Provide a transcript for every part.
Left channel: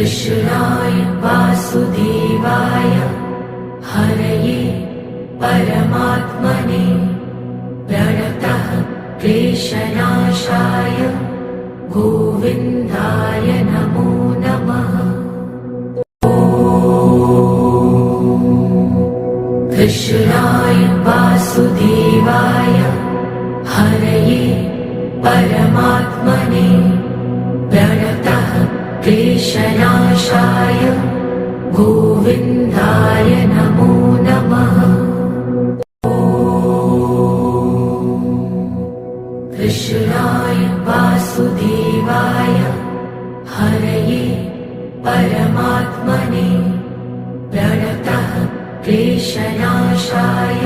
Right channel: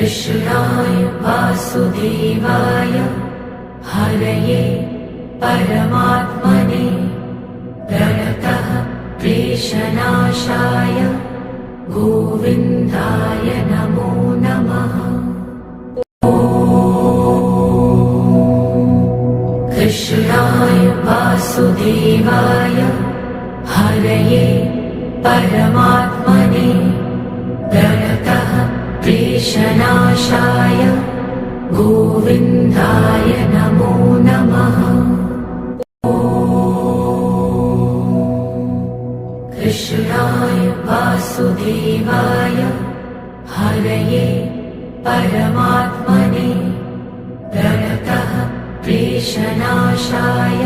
कृष्णाय वासुदेवाय हरये परमात्मने प्रणतः क्लेशनाशाय गोविन्दाय नमो नमः। कृष्णाय वासुदेवाय हरये परमात्मने प्रणतः क्लेशनाशाय गोविन्दाय नमो नमः। कृष्णाय वासुदेवाय हरये परमात्मने प्रणतः क्लेशनाशाय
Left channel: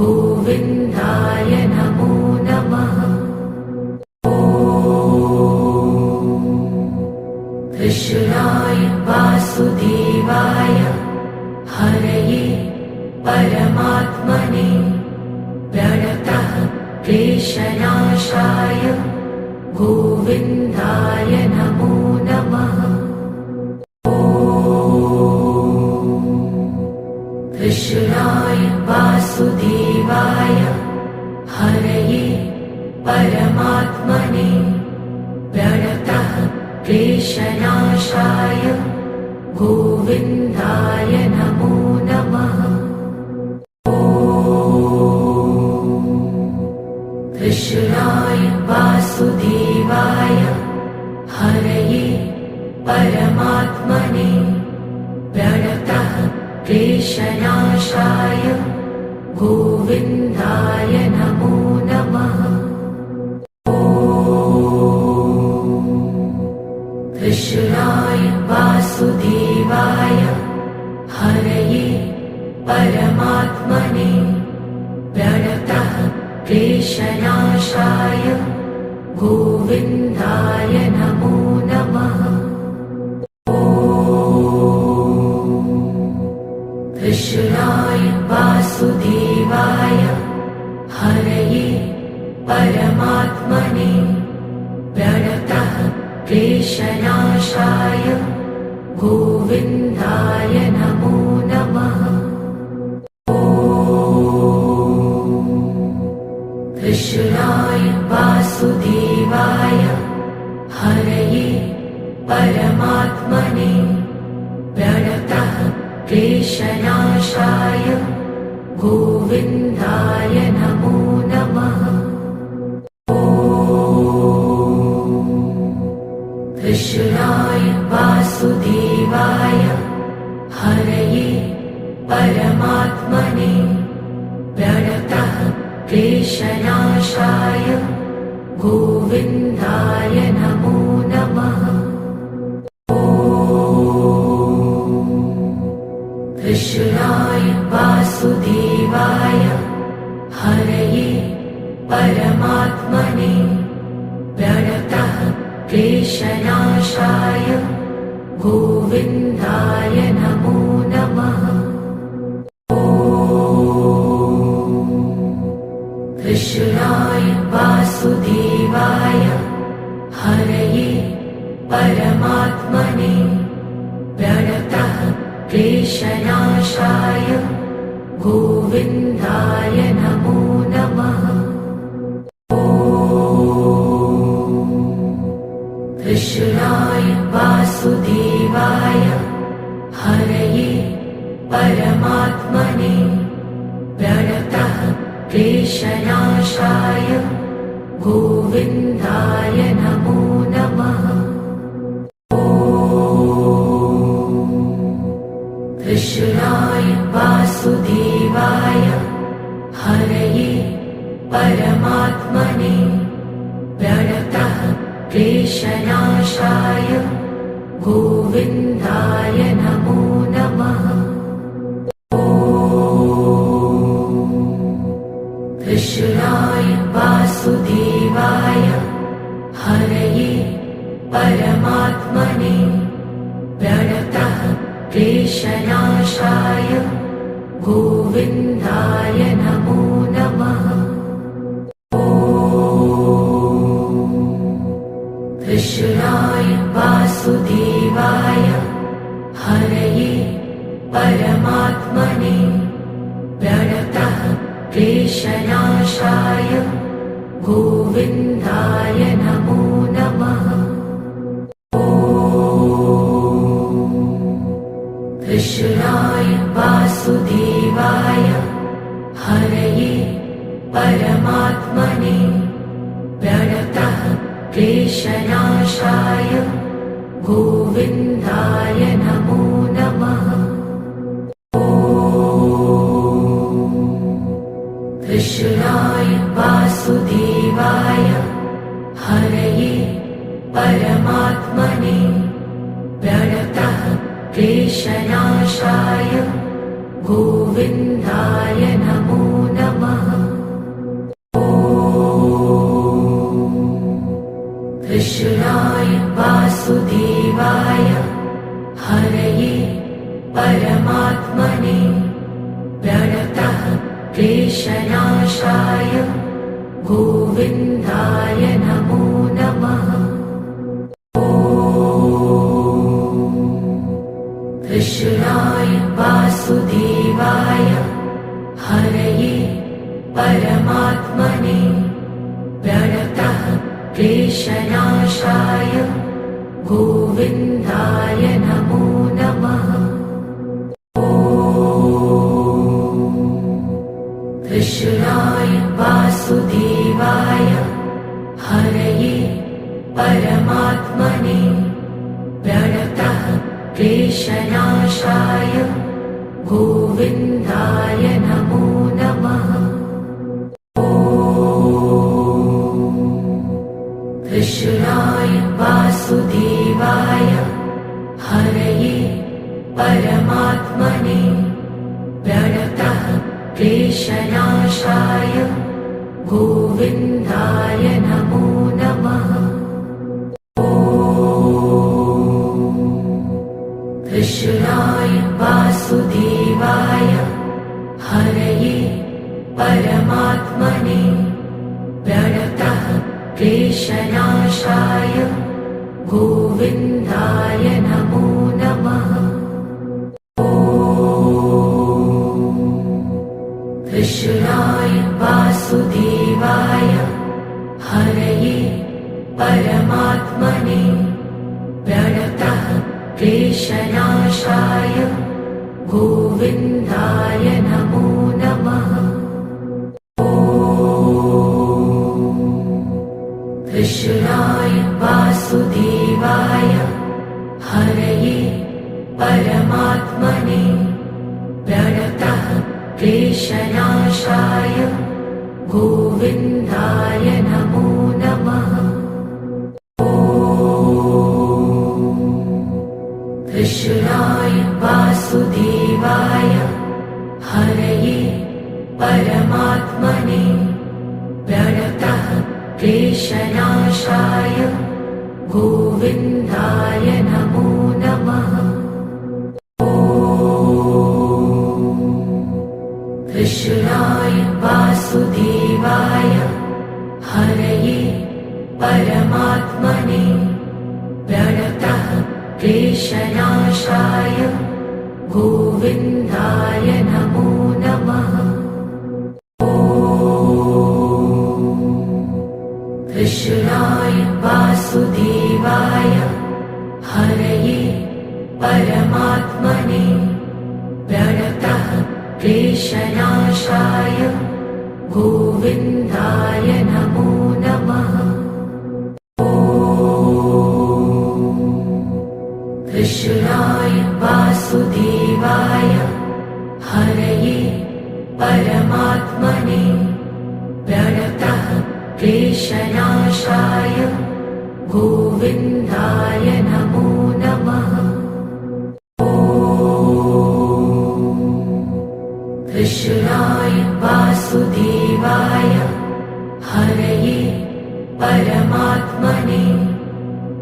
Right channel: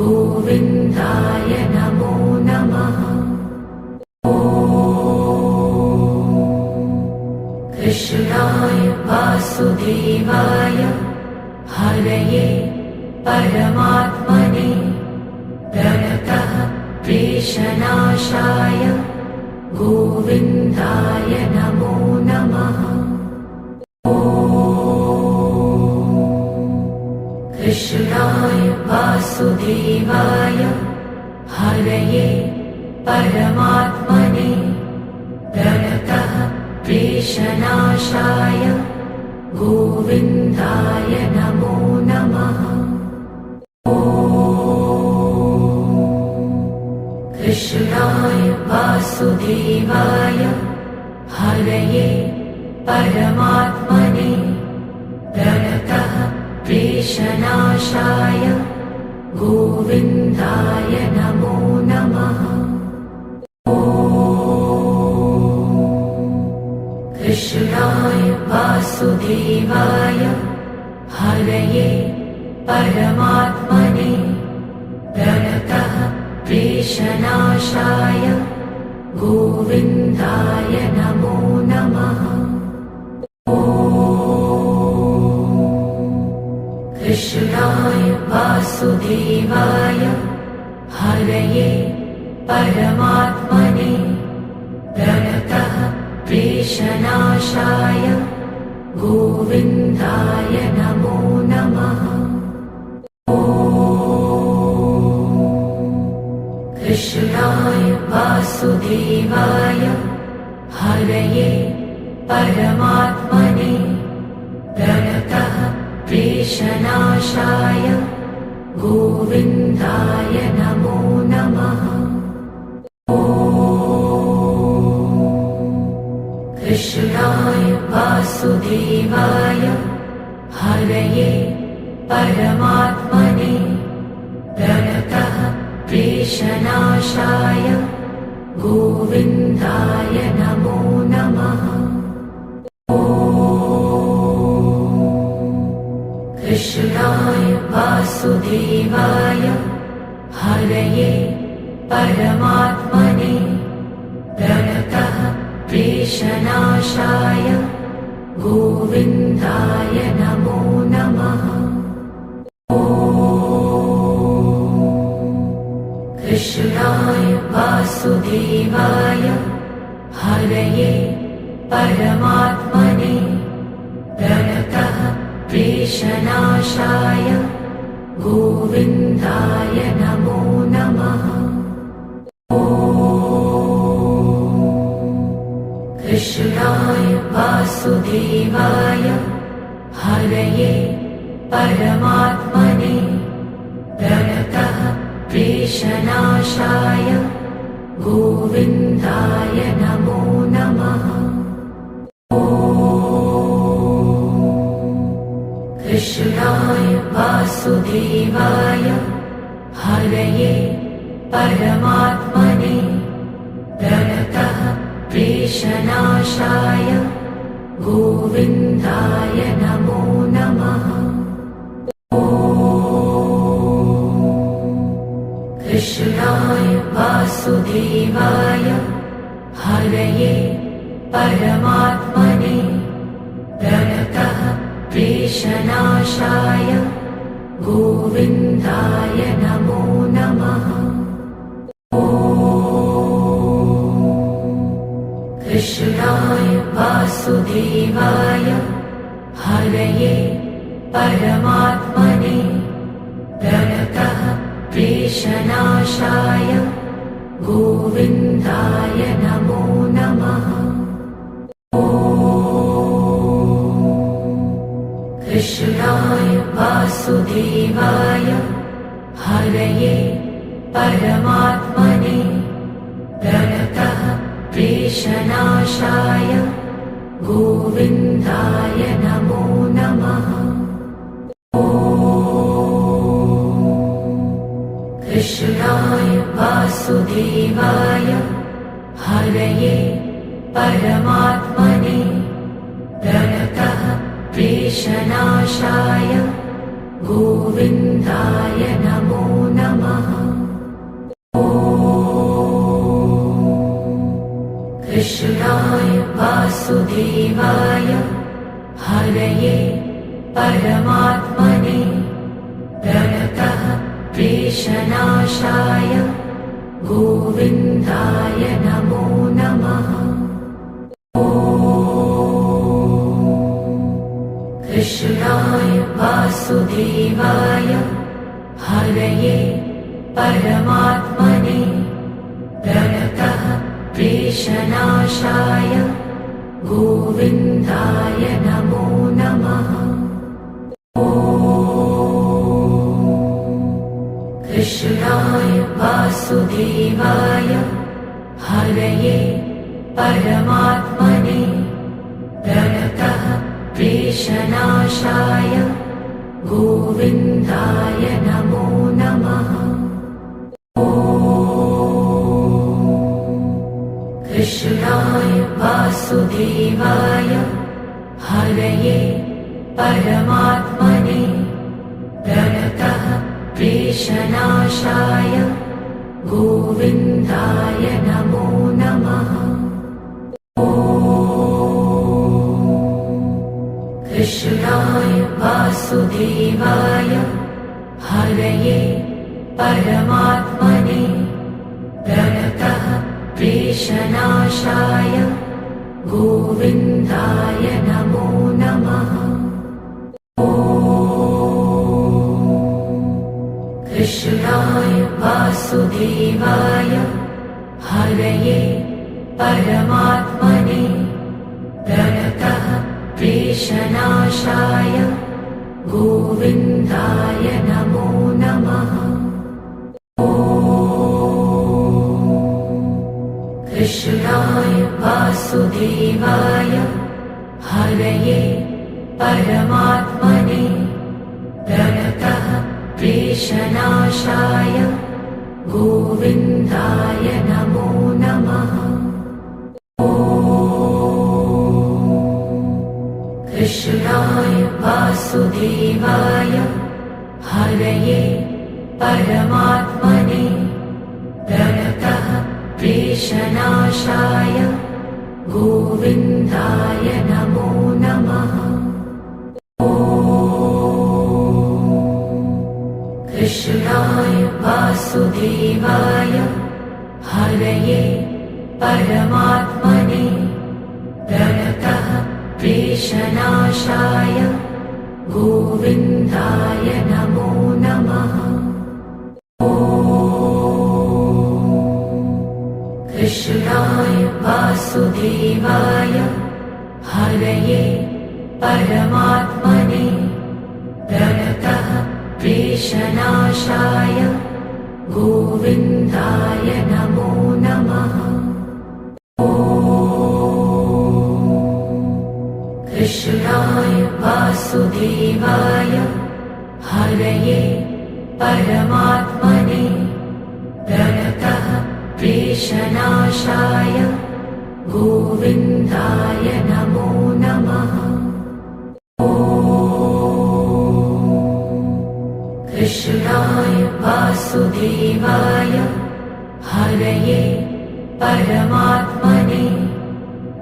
गोविन्दाय नमो नमः। कृष्णाय वासुदेवाय हरये परमात्मने प्रणतः क्लेशनाशाय गोविन्दाय नमो नमः। कृष्णाय वासुदेवाय हरये परमात्मने प्रणतः क्लेशनाशाय गोविन्दाय नमो नमः। कृष्णाय वासुदेवाय हरये परमात्मने प्रणतः क्लेशनाशाय गोविन्दाय नमो नमः। कृष्णाय वासुदेवाय हरये परमात्मने प्रणतः क्लेशनाशाय गोविन्दाय नमो नमः। कृष्णाय वासुदेवाय हरये परमात्मने प्रणतः क्लेशनाशाय गोविन्दाय नमो नमः। कृष्णाय वासुदेवाय हरये परमात्मने प्रणतः क्लेशनाशाय गोविन्दाय नमो नमः। कृष्णाय वासुदेवाय हरये परमात्मने प्रणतः क्लेशनाशाय गोविन्दाय नमो नमः। कृष्णाय वासुदेवाय हरये परमात्मने प्रणतः क्लेशनाशाय गोविन्दाय नमो नमः। कृष्णाय वासुदेवाय हरये परमात्मने प्रणतः क्लेशनाशाय गोविन्दाय नमो नमः। कृष्णाय वासुदेवाय हरये परमात्मने प्रणतः क्लेशनाशाय गोविन्दाय नमो नमः। कृष्णाय वासुदेवाय हरये परमात्मने प्रणतः क्लेशनाशाय गोविन्दाय नमो नमः। कृष्णाय वासुदेवाय हरये परमात्मने प्रणतः क्लेशनाशाय गोविन्दाय नमो नमः। कृष्णाय वासुदेवाय हरये परमात्मने प्रणतः क्लेशनाशाय गोविन्दाय नमो नमः। कृष्णाय वासुदेवाय हरये परमात्मने प्रणतः क्लेशनाशाय गोविन्दाय नमो नमः। कृष्णाय वासुदेवाय हरये परमात्मने प्रणतः क्लेशनाशाय गोविन्दाय नमो नमः। कृष्णाय वासुदेवाय हरये परमात्मने प्रणतः क्लेशनाशाय गोविन्दाय नमो नमः। कृष्णाय वासुदेवाय हरये परमात्मने प्रणतः क्लेशनाशाय गोविन्दाय नमो नमः। कृष्णाय वासुदेवाय हरये परमात्मने प्रणतः क्लेशनाशाय गोविन्दाय नमो नमः। कृष्णाय वासुदेवाय हरये परमात्मने प्रणतः क्लेशनाशाय गोविन्दाय नमो नमः। कृष्णाय वासुदेवाय हरये परमात्मने प्रणतः क्लेशनाशाय गोविन्दाय नमो नमः। कृष्णाय वासुदेवाय हरये परमात्मने प्रणतः क्लेशनाशाय गोविन्दाय नमो नमः। कृष्णाय वासुदेवाय हरये परमात्मने प्रणतः क्लेशनाशाय गोविन्दाय नमो नमः। कृष्णाय वासुदेवाय हरये परमात्मने प्रणतः क्लेशनाशाय गोविन्दाय नमो नमः। कृष्णाय वासुदेवाय हरये परमात्मने प्रणतः क्लेशनाशाय गोविन्दाय नमो नमः। कृष्णाय वासुदेवाय हरये परमात्मने प्रणतः क्लेशनाशाय गोविन्दाय नमो नमः। कृष्णाय वासुदेवाय हरये परमात्मने प्रणतः क्लेशनाशाय गोविन्दाय नमो नमः। कृष्णाय वासुदेवाय हरये परमात्मने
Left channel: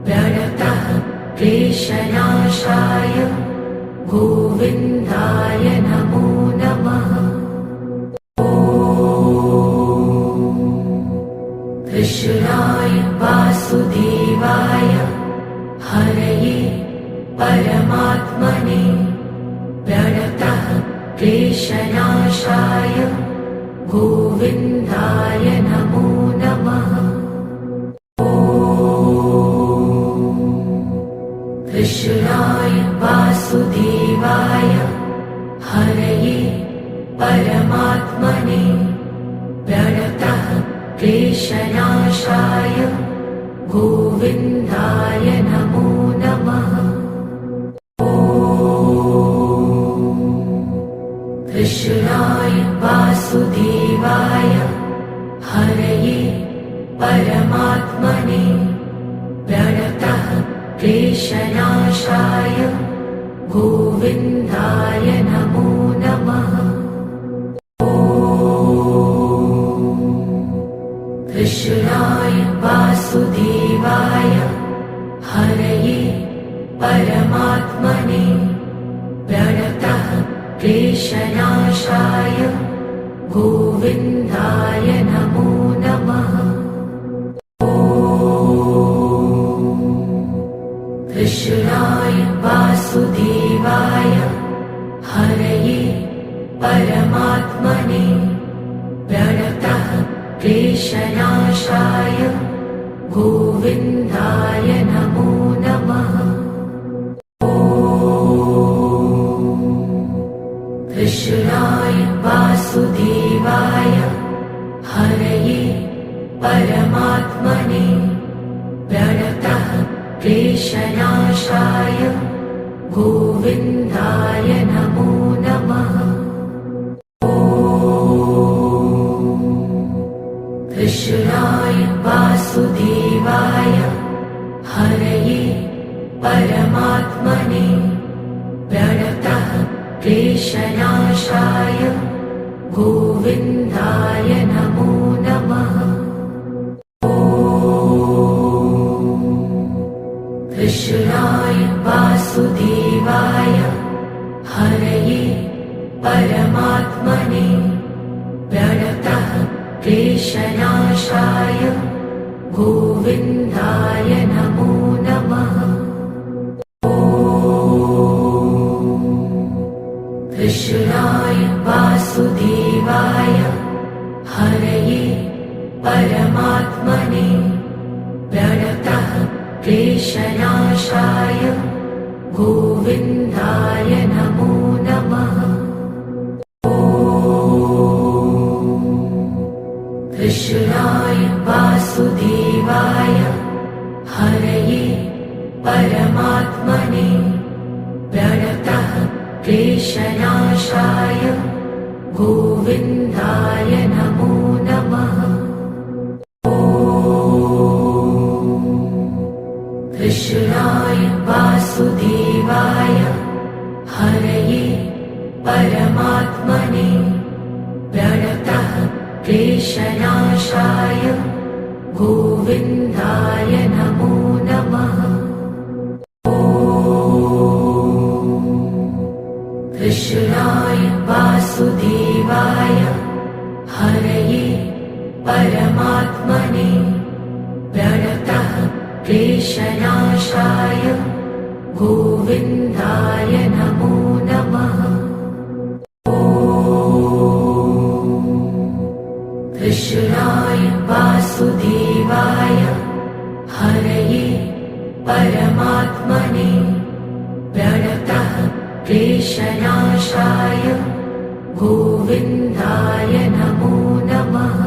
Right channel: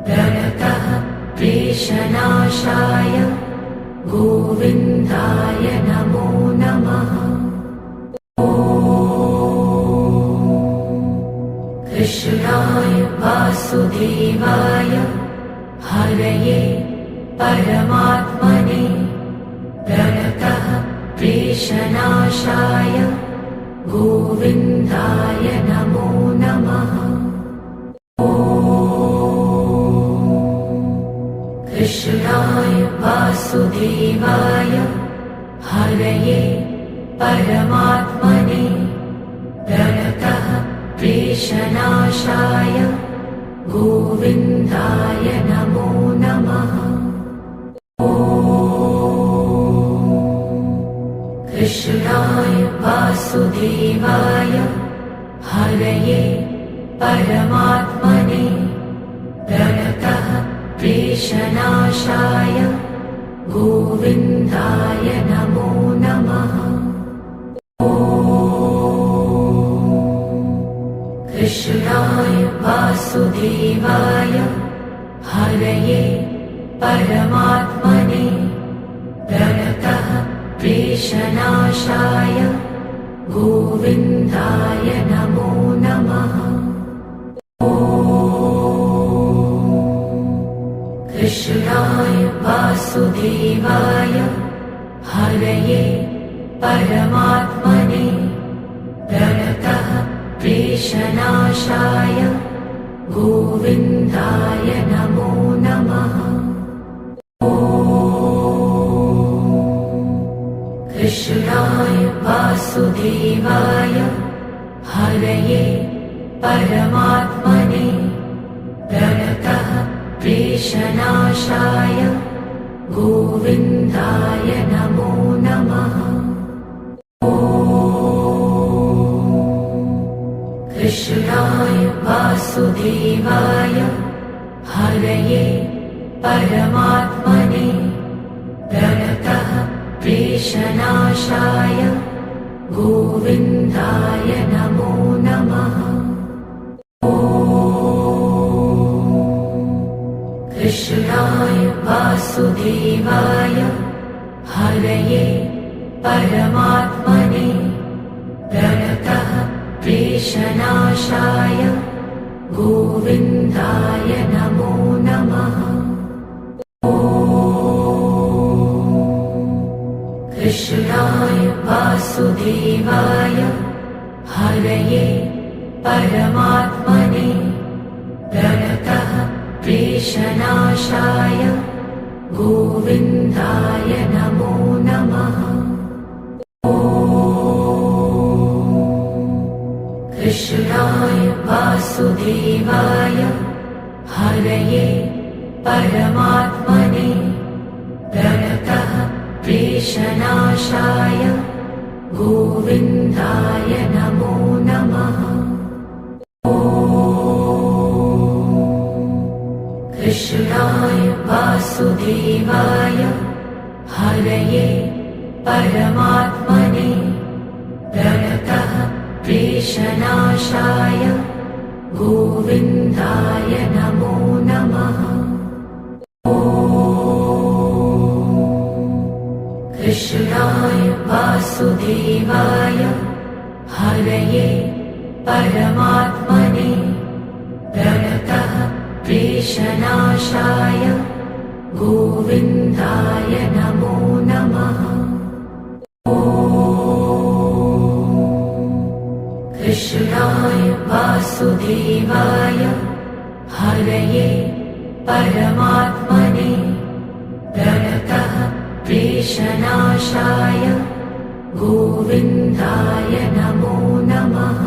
प्रणतः क्लेशनाशाय गोविन्दाय नमो नमः। कृष्णाय वासुदेवाय परमात्मने प्रणतः क्लेशनाशाय गोविन्दाय नमो नमः। कृष्णाय वासुदेवाय हरये परमात्मने प्रणतः क्लेशनाशाय गोविन्दाय नमो नमः। कृष्णाय वासुदेवाय हरये परमात्मने प्रणतः क्लेशनाशाय गोविन्दाय नमो नमः। कृष्णाय वासुदेवाय हरये परमात्मने प्रणतः क्लेशनाशाय गोविन्दाय नमो नमः। कृष्णाय वासुदेवाय हरये परमात्मने प्रणतः क्लेशनाशाय गोविन्दाय नमो नमः। कृष्णाय वासुदेवाय हरये परमात्मने प्रणतः क्लेशनाशाय गोविन्दाय नमो नमः। कृष्णाय वासुदेवाय हरये परमात्मने प्रणतः क्लेशनाशाय गोविन्दाय नमो नमः। कृष्णाय वासुदेवाय हरये परमात्मने प्रणतः क्लेशनाशाय गोविन्दाय नमो नमः। कृष्णाय वासुदेवाय हरये परमात्मने प्रणतः क्लेशनाशाय गोविन्दाय नमो नमः। कृष्णाय वासुदेवाय हरये परमात्मने प्रणतः क्लेशनाशाय गोविन्दाय नमो नमः। कृष्णाय वासुदेवाय हरये परमात्मने प्रणतः क्लेशनाशाय गोविन्दाय नमो नमः। कृष्णाय वासुदेवाय हरये परमात्मने प्रणतः क्लेशनाशाय गोविन्दाय नमो नमः। कृष्णाय वासुदेवाय हरये परमात्मने प्रणतः क्लेशनाशाय गोविन्दाय नमो नमः।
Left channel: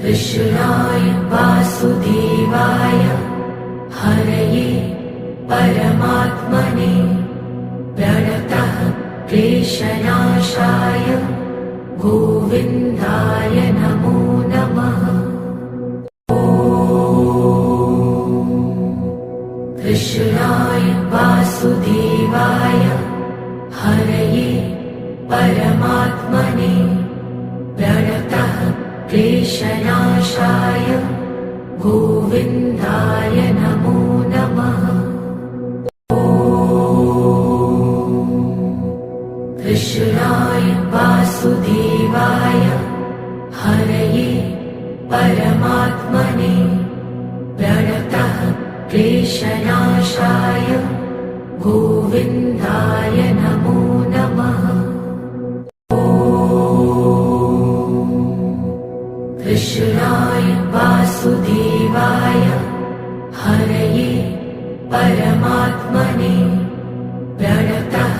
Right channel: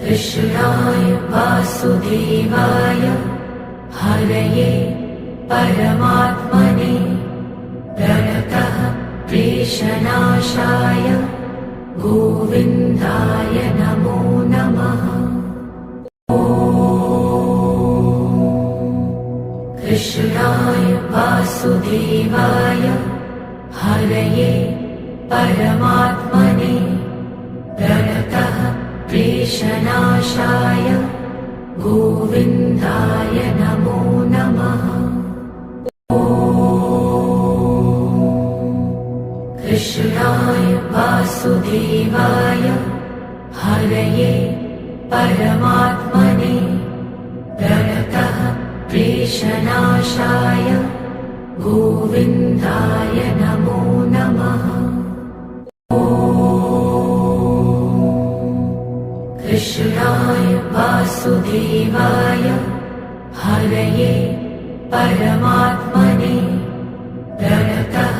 कृष्णाय वासुदेवाय हरये परमात्मने प्रणतः क्लेशनाशाय गोविन्दाय नमो नमः। कृष्णाय वासुदेवाय हरये परमात्मने प्रणतः क्लेशनाशाय गोविन्दाय नमो नमः। कृष्णाय वासुदेवाय हरये परमात्मने प्रणतः क्लेशनाशाय गोविन्दाय नमो नमः। कृष्णाय वासुदेवाय हरये परमात्मने प्रणतः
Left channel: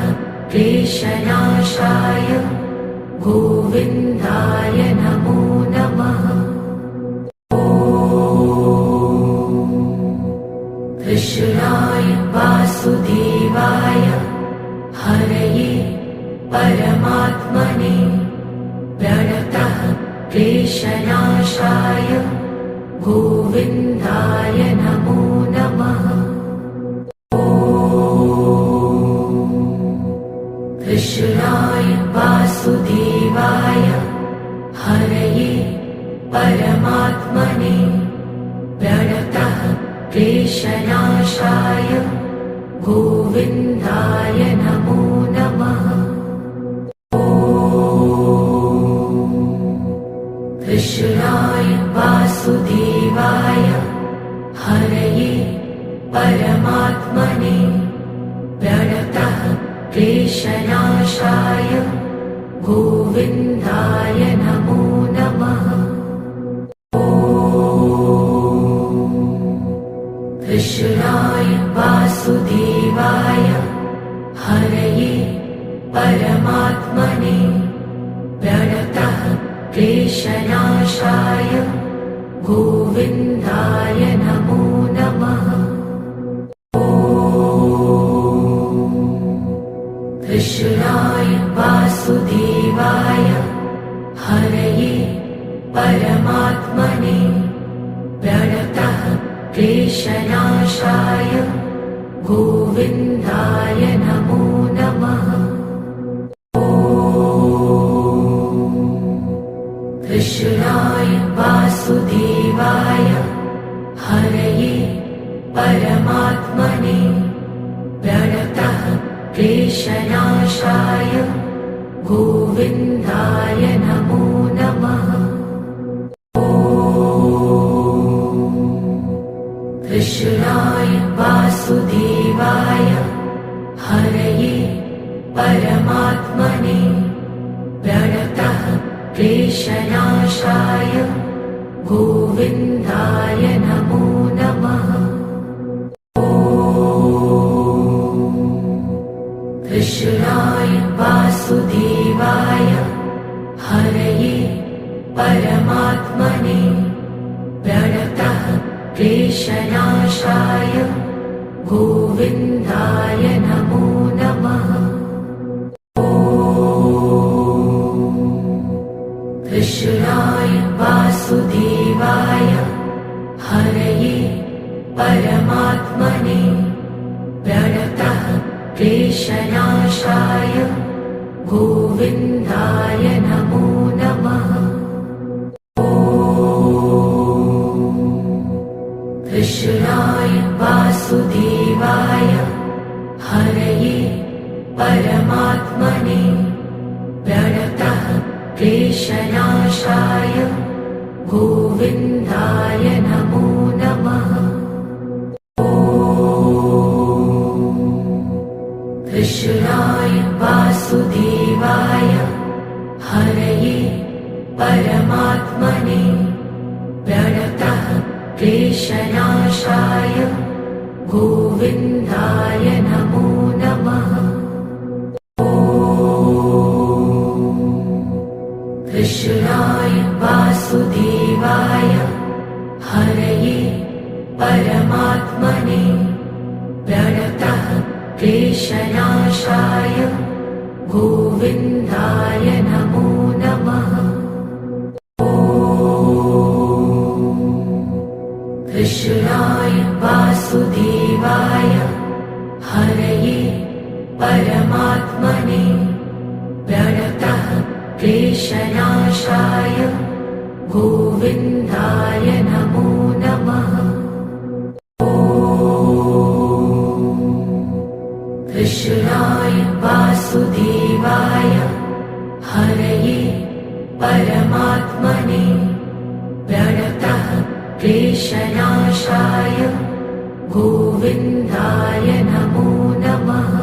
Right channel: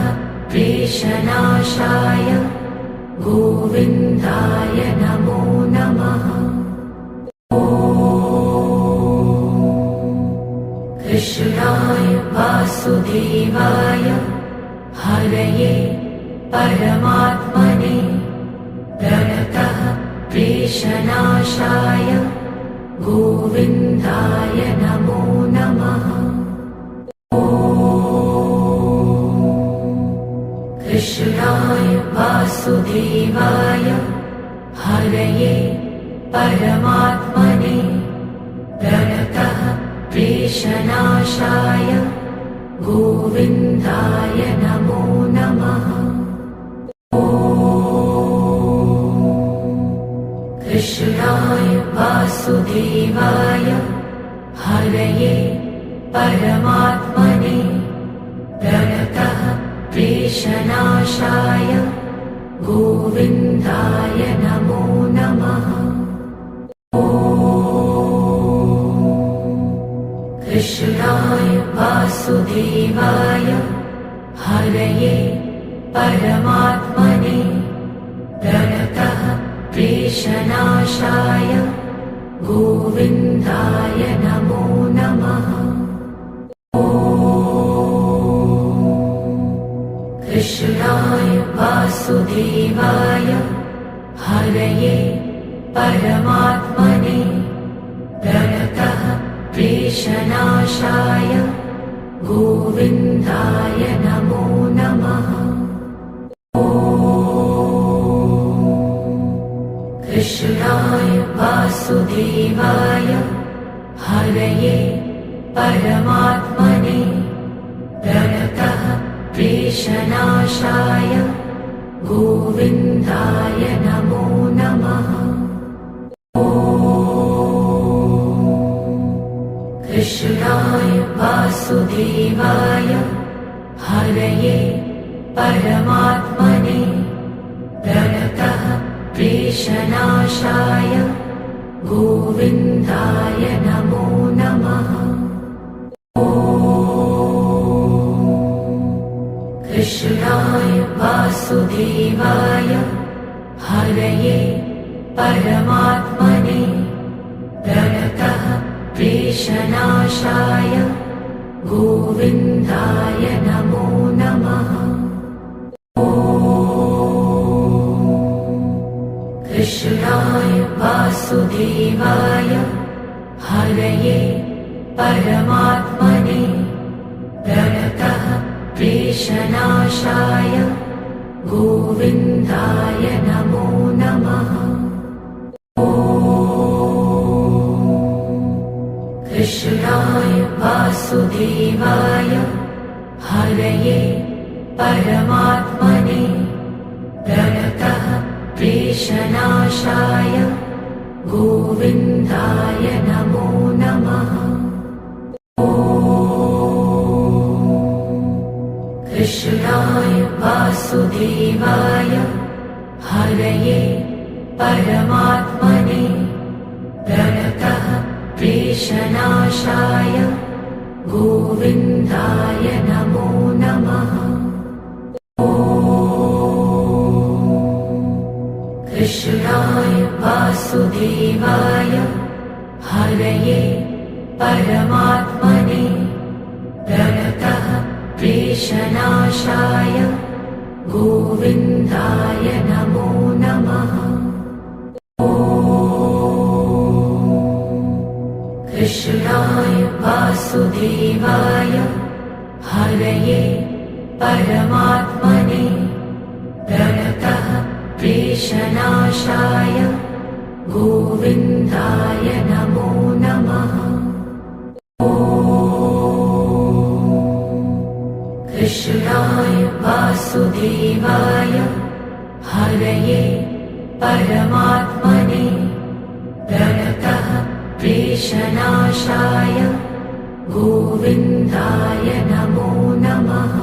क्लेशनाशाय गोविन्दाय नमो नमः। कृष्णाय वासुदेवाय हरये परमात्मने प्रणतः क्लेशनाशाय गोविन्दाय नमो नमः। कृष्णाय वासुदेवाय हरये परमात्मने प्रणतः क्लेशनाशाय गोविन्दाय नमो नमः। कृष्णाय वासुदेवाय हरये परमात्मने प्रणतः क्लेशनाशाय गोविन्दाय नमो नमः। कृष्णाय वासुदेवाय हरये परमात्मने प्रणतः क्लेशनाशाय गोविन्दाय नमो नमः। कृष्णाय वासुदेवाय हरये परमात्मने प्रणतः क्लेशनाशाय गोविन्दाय नमो नमः। कृष्णाय वासुदेवाय हरये परमात्मने प्रणतः क्लेशनाशाय गोविन्दाय नमो नमः। कृष्णाय वासुदेवाय हरये परमात्मने प्रणतः क्लेशनाशाय गोविन्दाय नमो नमः। कृष्णाय वासुदेवाय हरये परमात्मने प्रणतः क्लेशनाशाय गोविन्दाय नमो नमः। कृष्णाय वासुदेवाय हरये परमात्मने प्रणतः क्लेशनाशाय गोविन्दाय नमो नमः। कृष्णाय वासुदेवाय हरये परमात्मने प्रणतः क्लेशनाशाय गोविन्दाय नमो नमः। कृष्णाय वासुदेवाय हरये परमात्मने प्रणतः क्लेशनाशाय गोविन्दाय नमो नमः। कृष्णाय वासुदेवाय हरये परमात्मने प्रणतः क्लेशनाशाय गोविन्दाय नमो नमः। कृष्णाय वासुदेवाय हरये परमात्मने प्रणतः क्लेशनाशाय गोविन्दाय नमो नमः। कृष्णाय वासुदेवाय हरये परमात्मने प्रणतः क्लेशनाशाय गोविन्दाय नमो नमः।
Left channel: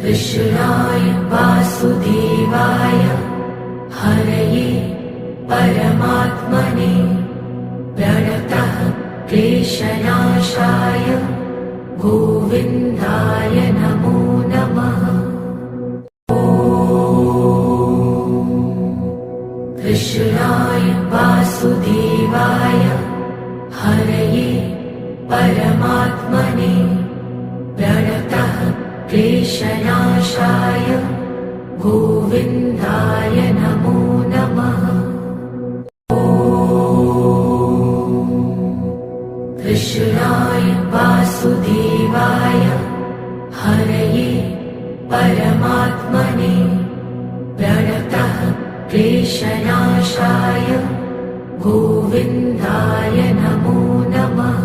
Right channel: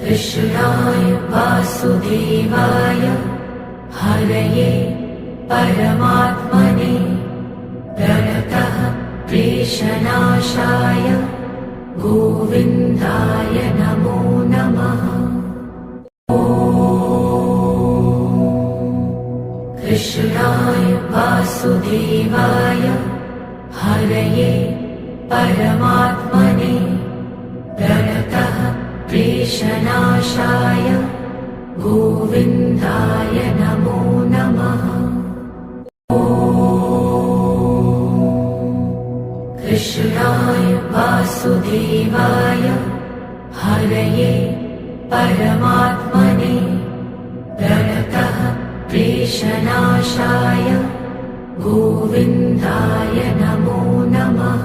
कृष्णाय वासुदेवाय हरये परमात्मने प्रणतः क्लेशनाशाय गोविन्दाय नमो नमः। कृष्णाय वासुदेवाय हरये परमात्मने प्रणतः क्लेशनाशाय गोविन्दाय नमो नमः। कृष्णाय वासुदेवाय हरये परमात्मने प्रणतः क्लेशनाशाय गोविन्दाय नमो नमः।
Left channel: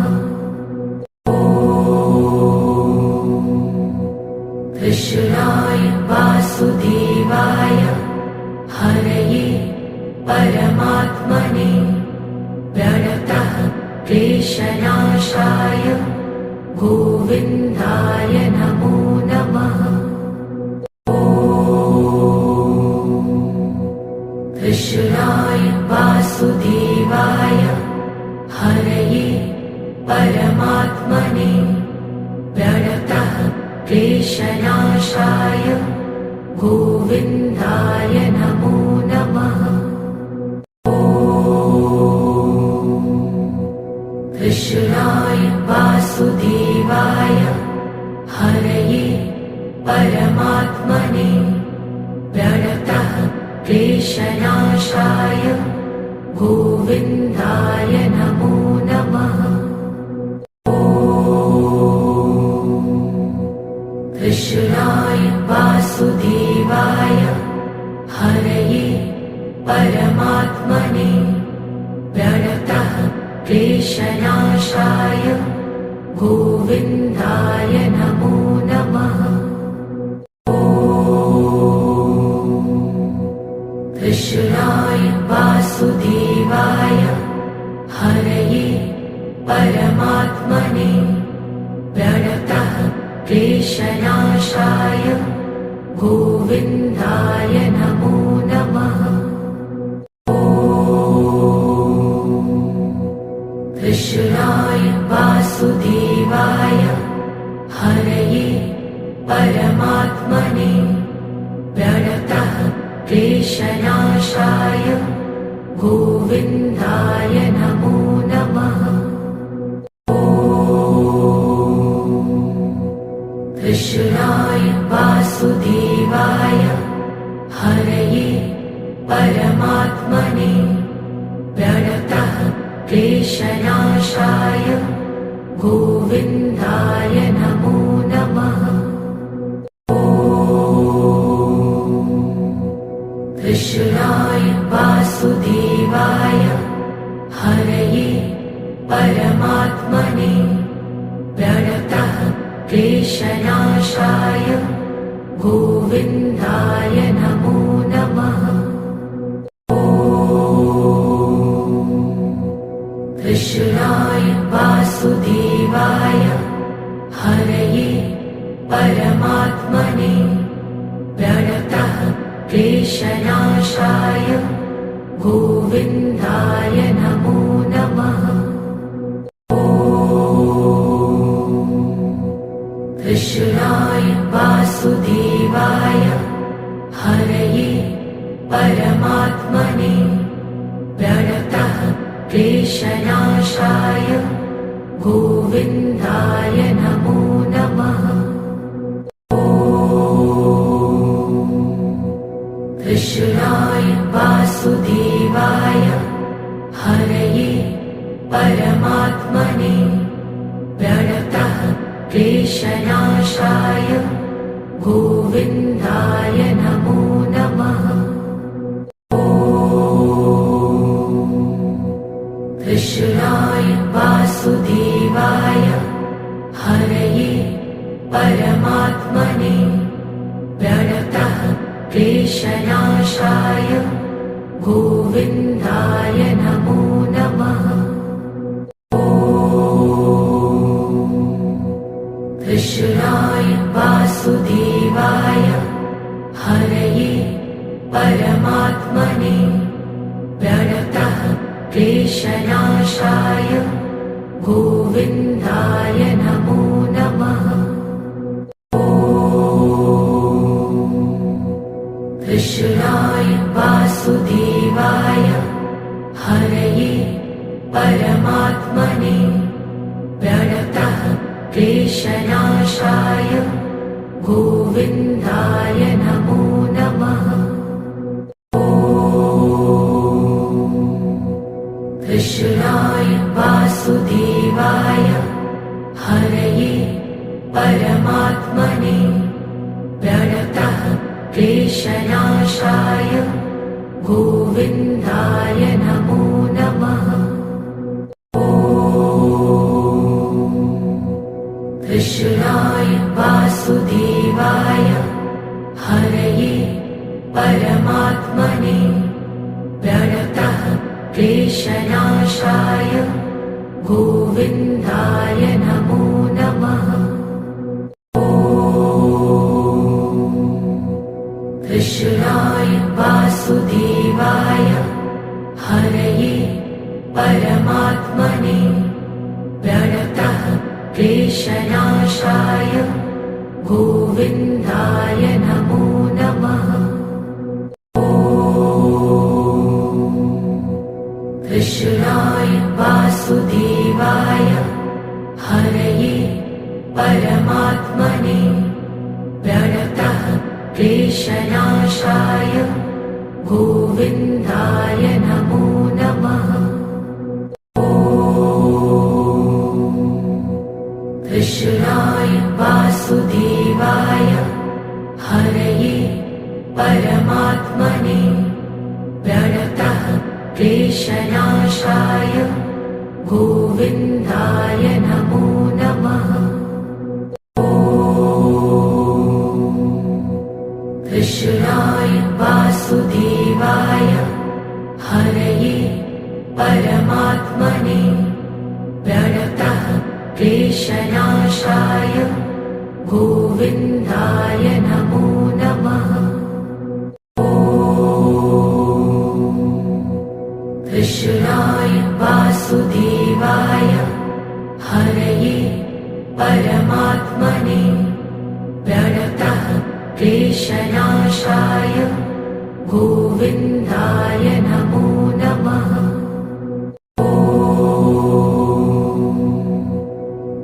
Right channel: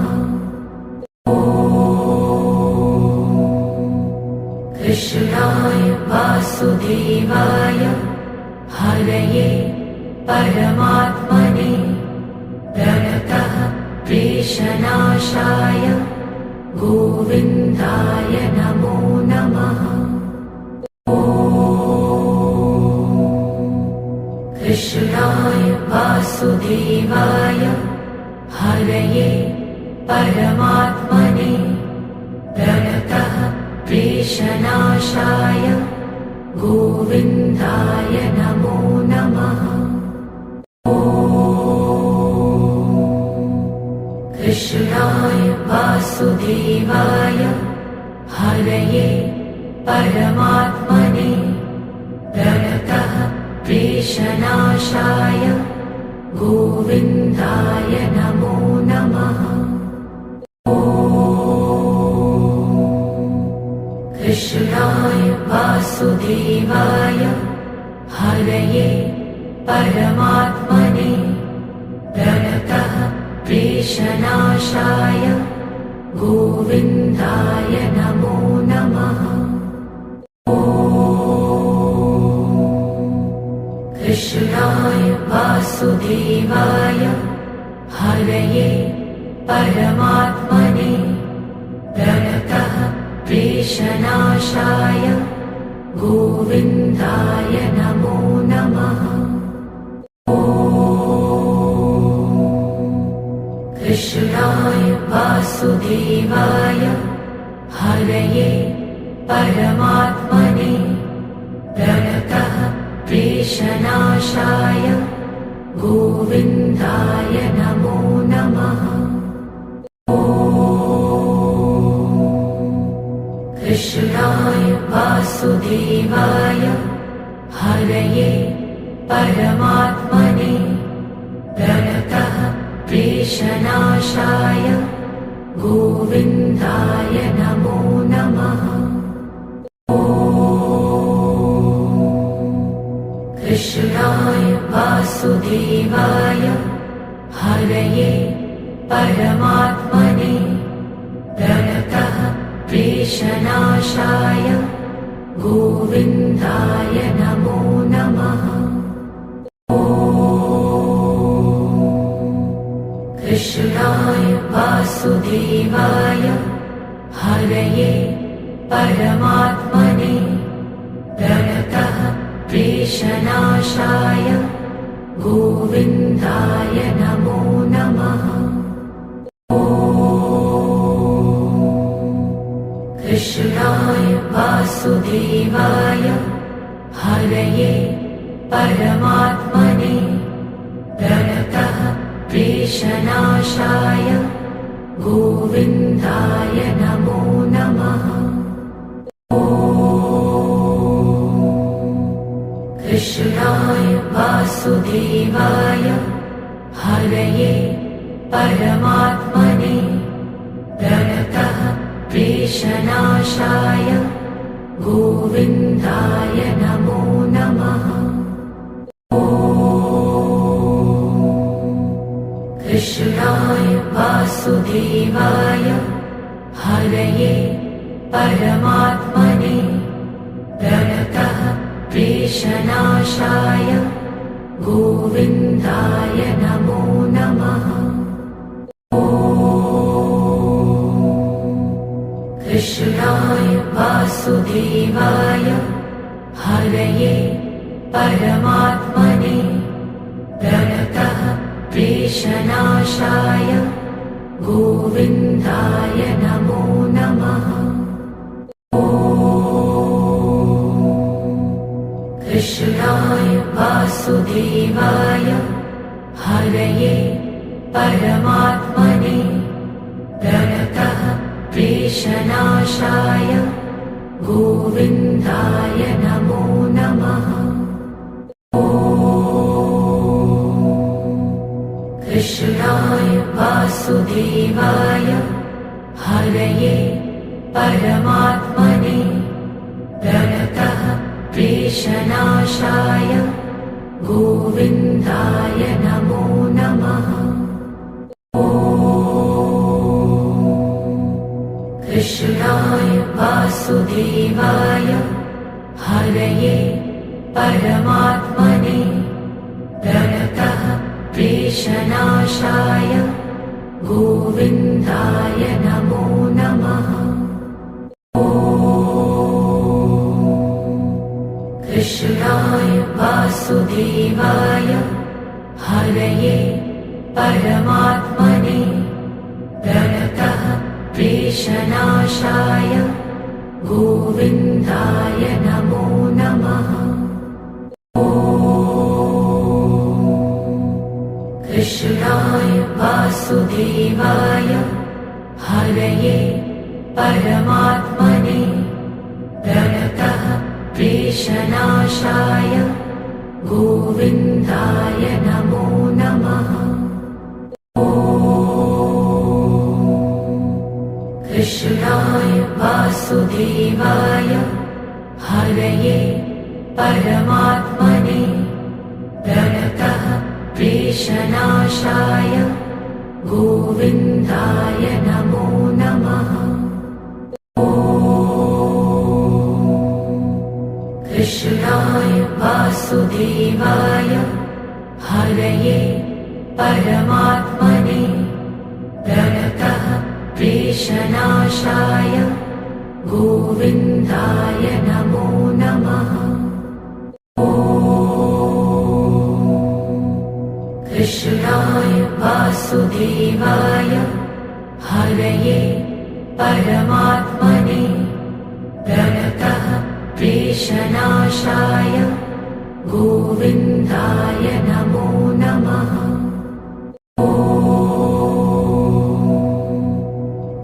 कृष्णाय वासुदेवाय हरये परमात्मने प्रणतः क्लेशनाशाय गोविन्दाय नमो नमः। कृष्णाय वासुदेवाय हरये परमात्मने प्रणतः क्लेशनाशाय गोविन्दाय नमो नमः। कृष्णाय वासुदेवाय हरये परमात्मने प्रणतः क्लेशनाशाय गोविन्दाय नमो नमः। कृष्णाय वासुदेवाय हरये परमात्मने प्रणतः क्लेशनाशाय गोविन्दाय नमो नमः। कृष्णाय वासुदेवाय हरये परमात्मने प्रणतः क्लेशनाशाय गोविन्दाय नमो नमः। कृष्णाय वासुदेवाय हरये परमात्मने प्रणतः क्लेशनाशाय गोविन्दाय नमो नमः। कृष्णाय वासुदेवाय हरये परमात्मने प्रणतः क्लेशनाशाय गोविन्दाय नमो नमः। कृष्णाय वासुदेवाय हरये परमात्मने प्रणतः क्लेशनाशाय गोविन्दाय नमो नमः। कृष्णाय वासुदेवाय हरये परमात्मने प्रणतः क्लेशनाशाय गोविन्दाय नमो नमः। कृष्णाय वासुदेवाय हरये परमात्मने प्रणतः क्लेशनाशाय गोविन्दाय नमो नमः। कृष्णाय वासुदेवाय हरये परमात्मने प्रणतः क्लेशनाशाय गोविन्दाय नमो नमः। कृष्णाय वासुदेवाय हरये परमात्मने प्रणतः क्लेशनाशाय गोविन्दाय नमो नमः। कृष्णाय वासुदेवाय हरये परमात्मने प्रणतः क्लेशनाशाय गोविन्दाय नमो नमः। कृष्णाय वासुदेवाय हरये परमात्मने प्रणतः क्लेशनाशाय गोविन्दाय नमो नमः। कृष्णाय वासुदेवाय हरये परमात्मने प्रणतः क्लेशनाशाय गोविन्दाय नमो नमः। कृष्णाय वासुदेवाय हरये परमात्मने प्रणतः क्लेशनाशाय गोविन्दाय नमो नमः। कृष्णाय वासुदेवाय हरये परमात्मने प्रणतः क्लेशनाशाय गोविन्दाय नमो नमः। कृष्णाय वासुदेवाय हरये परमात्मने प्रणतः क्लेशनाशाय गोविन्दाय नमो नमः। कृष्णाय वासुदेवाय हरये परमात्मने प्रणतः क्लेशनाशाय गोविन्दाय नमो नमः। कृष्णाय वासुदेवाय हरये परमात्मने प्रणतः क्लेशनाशाय गोविन्दाय नमो नमः। कृष्णाय वासुदेवाय हरये परमात्मने प्रणतः क्लेशनाशाय गोविन्दाय नमो नमः।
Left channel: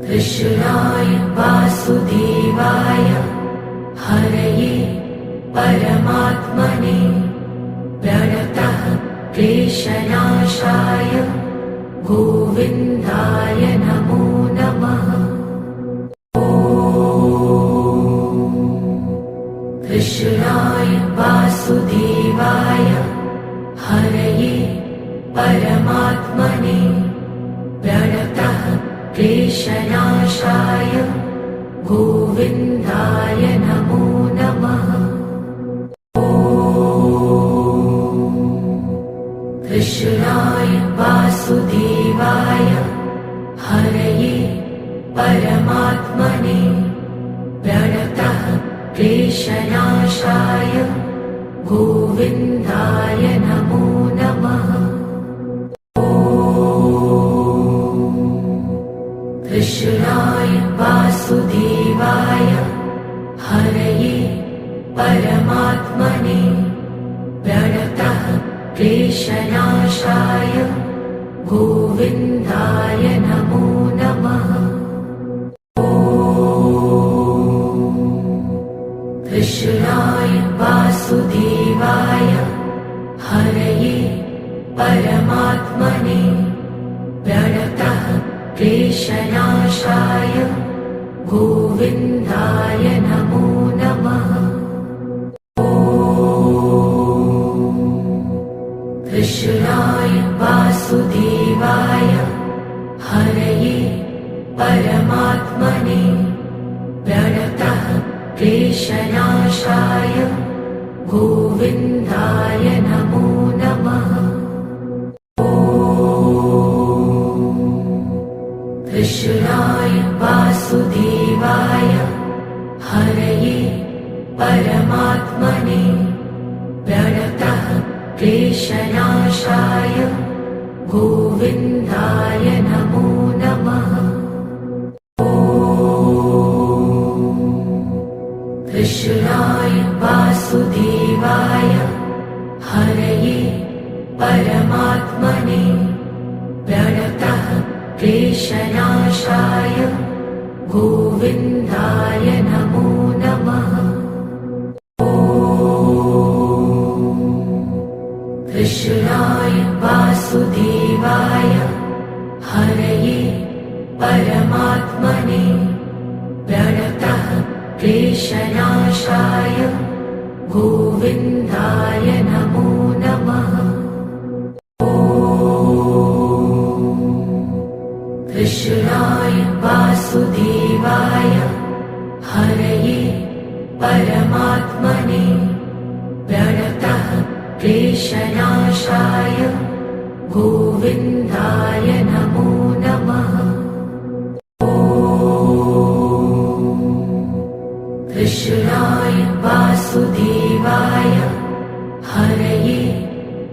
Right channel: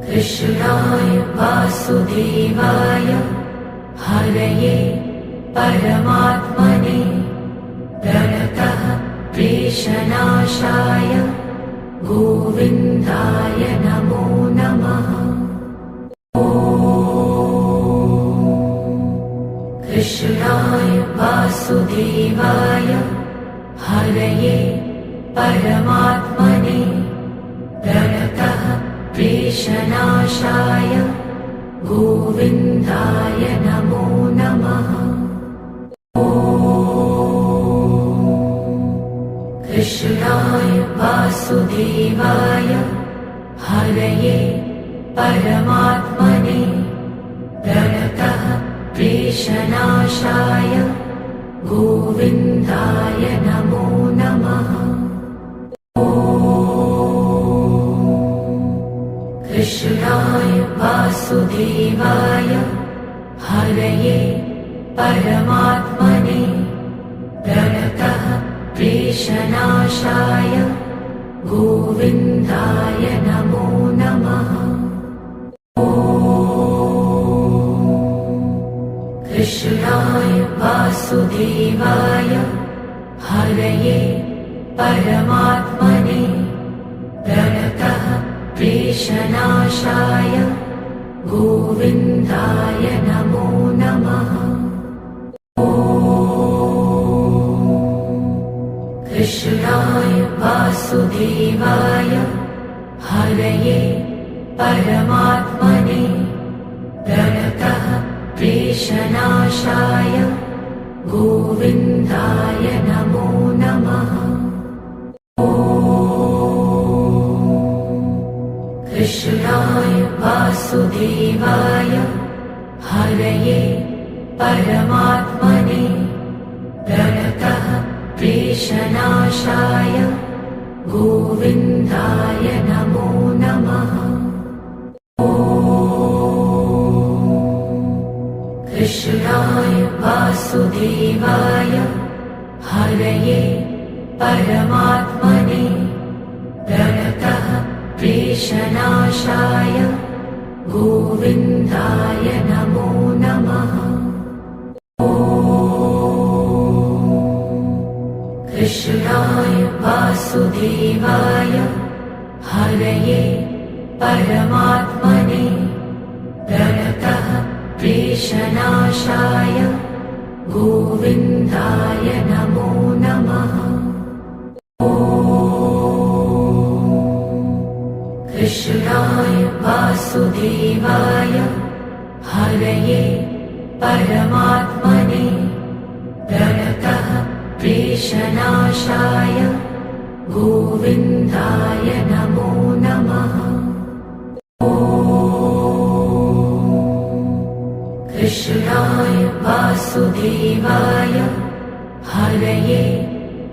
कृष्णाय वासुदेवाय हरये परमात्मने प्रणतः क्लेशनाशाय गोविन्दाय नमो नमः। कृष्णाय वासुदेवाय हरये परमात्मने प्रणतः क्लेशनाशाय गोविन्दाय नमो नमः। कृष्णाय वासुदेवाय हरये परमात्मने प्रणतः क्लेशनाशाय गोविन्दाय नमो नमः। कृष्णाय वासुदेवाय हरये परमात्मने प्रणतः क्लेशनाशाय गोविन्दाय नमो नमः। कृष्णाय वासुदेवाय हरये परमात्मने प्रणतः क्लेशनाशाय गोविन्दाय नमो नमः। कृष्णाय वासुदेवाय हरये परमात्मने प्रणतः क्लेशनाशाय गोविन्दाय नमो नमः। परमात्मने प्रणतः क्लेशनाशाय गोविन्दाय नमो नमः। कृष्णाय वासुदेवाय हरये परमात्मने प्रणतः क्लेशनाशाय गोविन्दाय नमो नमः। कृष्णाय वासुदेवाय हरये परमात्मने प्रणतः क्लेशनाशाय गोविन्दाय नमो नमः। कृष्णाय वासुदेवाय हरये परमात्मने प्रणतः क्लेशनाशाय गोविन्दाय नमो नमः। कृष्णाय वासुदेवाय हरये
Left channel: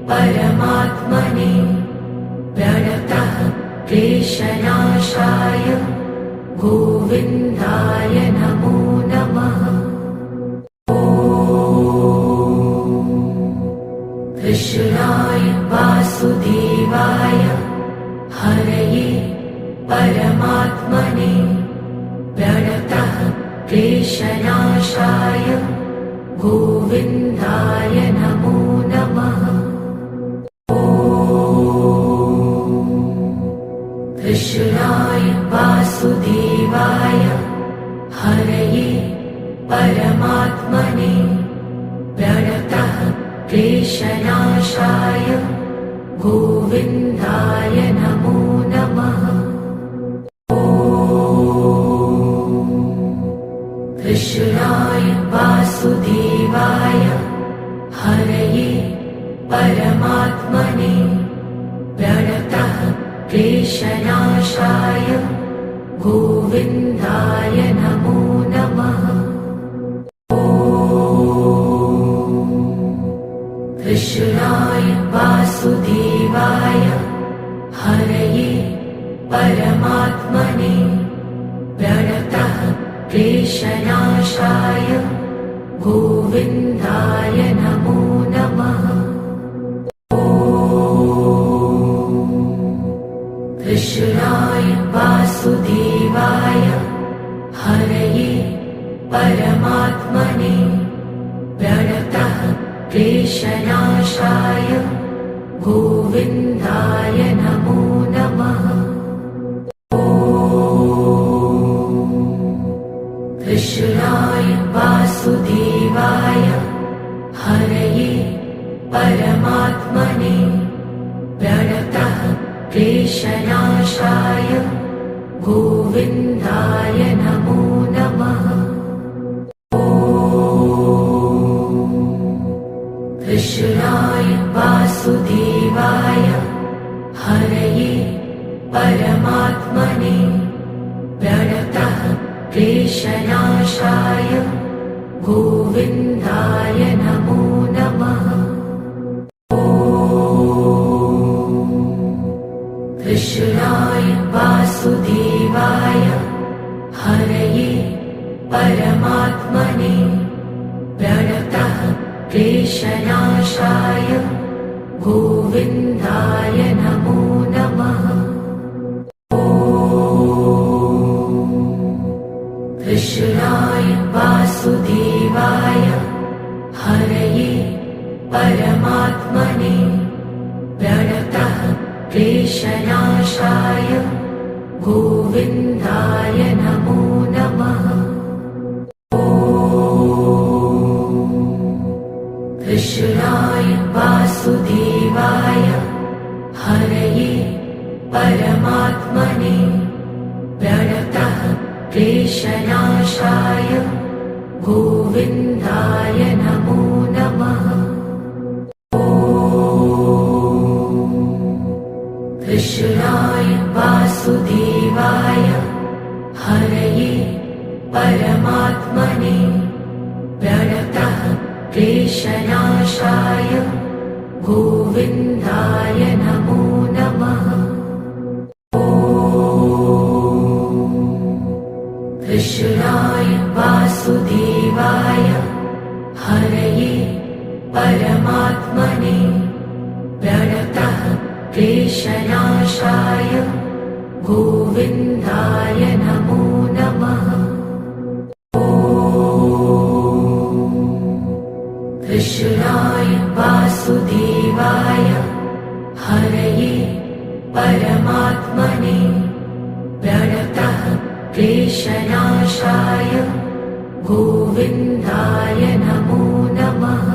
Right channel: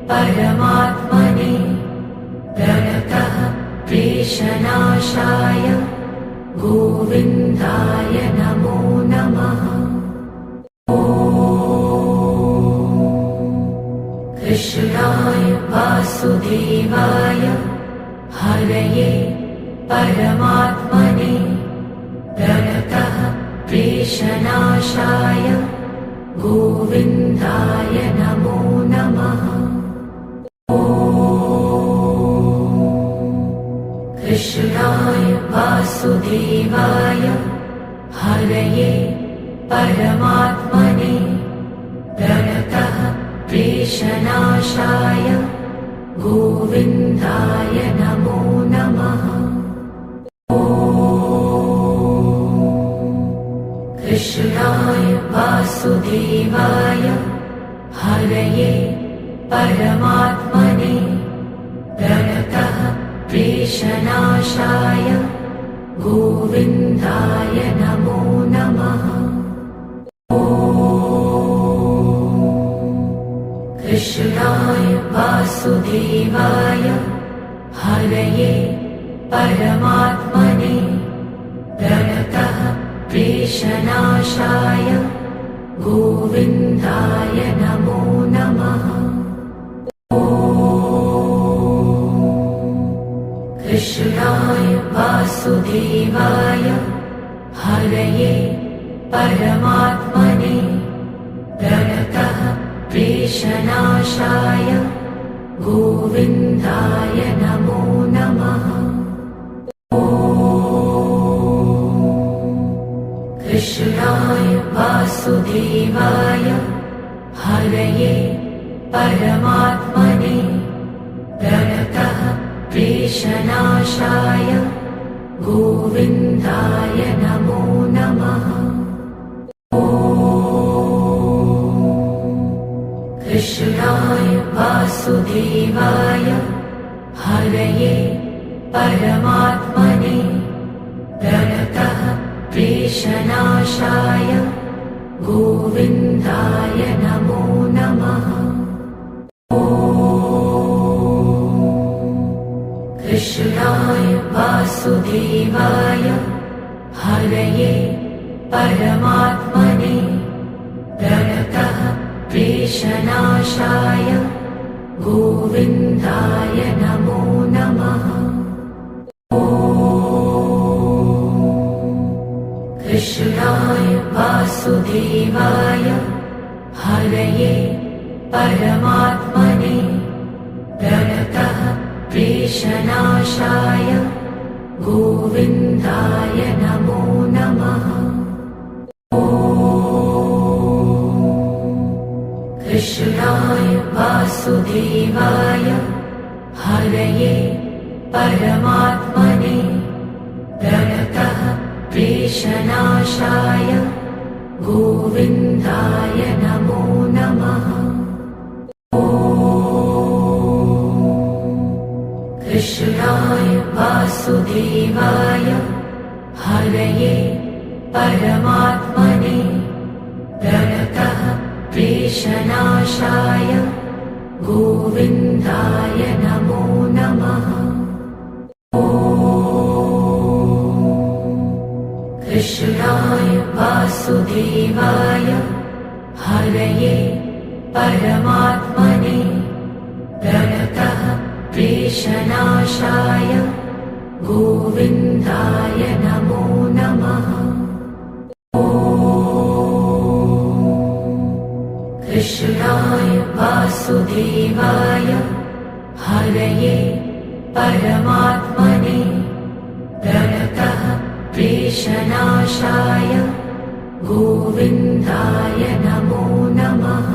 परमात्मने प्रणतः क्लेशनाशाय गोविन्दाय नमो नमः। कृष्णाय वासुदेवाय हरये परमात्मने प्रणतः क्लेशनाशाय गोविन्दाय नमो नमः। कृष्णाय वासुदेवाय हरये परमात्मने प्रणतः क्लेशनाशाय गोविन्दाय नमो नमः। कृष्णाय वासुदेवाय हरये परमात्मने प्रणतः क्लेशनाशाय गोविन्दाय नमो नमः। कृष्णाय वासुदेवाय हरये परमात्मने प्रणतः क्लेशनाशाय गोविन्दाय नमो नमः। कृष्णाय वासुदेवाय हरये परमात्मने प्रणतः क्लेशनाशाय गोविन्दाय नमो नमः। कृष्णाय वासुदेवाय हरये परमात्मने प्रणतः क्लेशनाशाय गोविन्दाय नमो नमः। कृष्णाय वासुदेवाय हरये परमात्मने प्रणतः क्लेशनाशाय गोविन्दाय नमो नमः। कृष्णाय वासुदेवाय हरये परमात्मने प्रणतः क्लेशनाशाय गोविन्दाय नमो नमः। कृष्णाय वासुदेवाय हरये परमात्मने प्रणतः क्लेशनाशाय गोविन्दाय नमो नमः। कृष्णाय वासुदेवाय हरये परमात्मने प्रणतः क्लेशनाशाय गोविन्दाय नमो नमः। कृष्णाय वासुदेवाय हरये परमात्मने प्रणतः क्लेशनाशाय गोविन्दाय नमो नमः। कृष्णाय वासुदेवाय हरये परमात्मने प्रणतः क्लेशनाशाय गोविन्दाय नमो नमः। कृष्णाय वासुदेवाय हरये परमात्मने प्रणतः क्लेशनाशाय गोविन्दाय नमो नमः।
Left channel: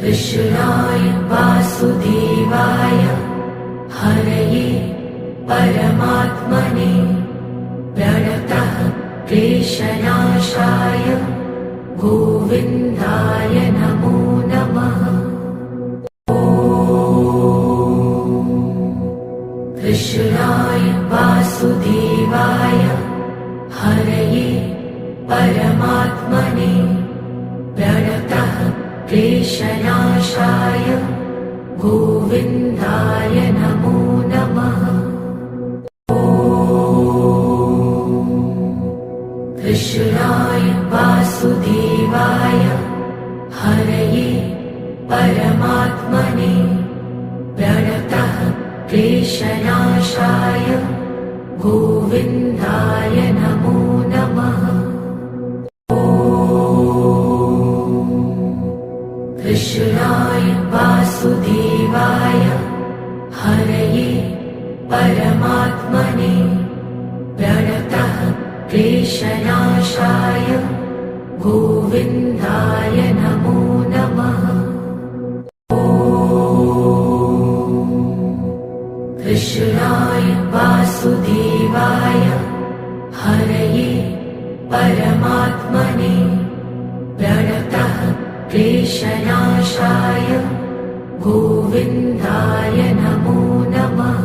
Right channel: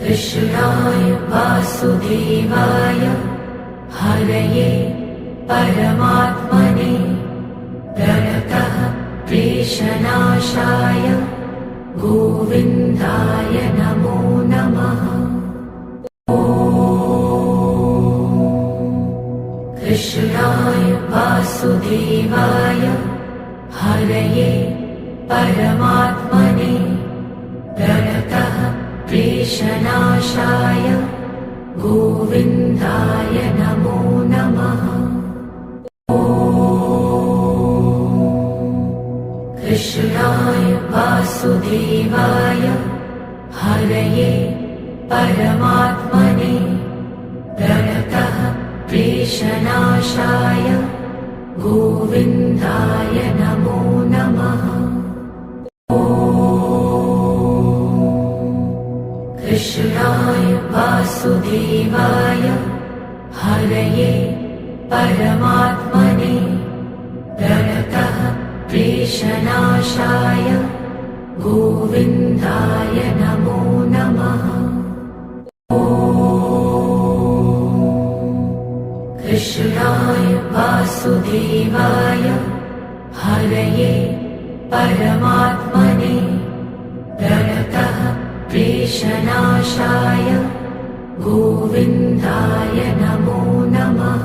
कृष्णाय वासुदेवाय हरये परमात्मने प्रणतः क्लेशनाशाय गोविन्दाय नमो नमः। कृष्णाय वासुदेवाय हरये परमात्मने प्रणतः क्लेशनाशाय गोविन्दाय नमो नमः। कृष्णाय वासुदेवाय हरये परमात्मने प्रणतः क्लेशनाशाय गोविन्दाय नमो नमः। कृष्णाय वासुदेवाय हरये परमात्मने प्रणतः क्लेशनाशाय गोविन्दाय नमो नमः। कृष्णाय वासुदेवाय हरये परमात्मने प्रणतः क्लेशनाशाय गोविन्दाय नमो नमः।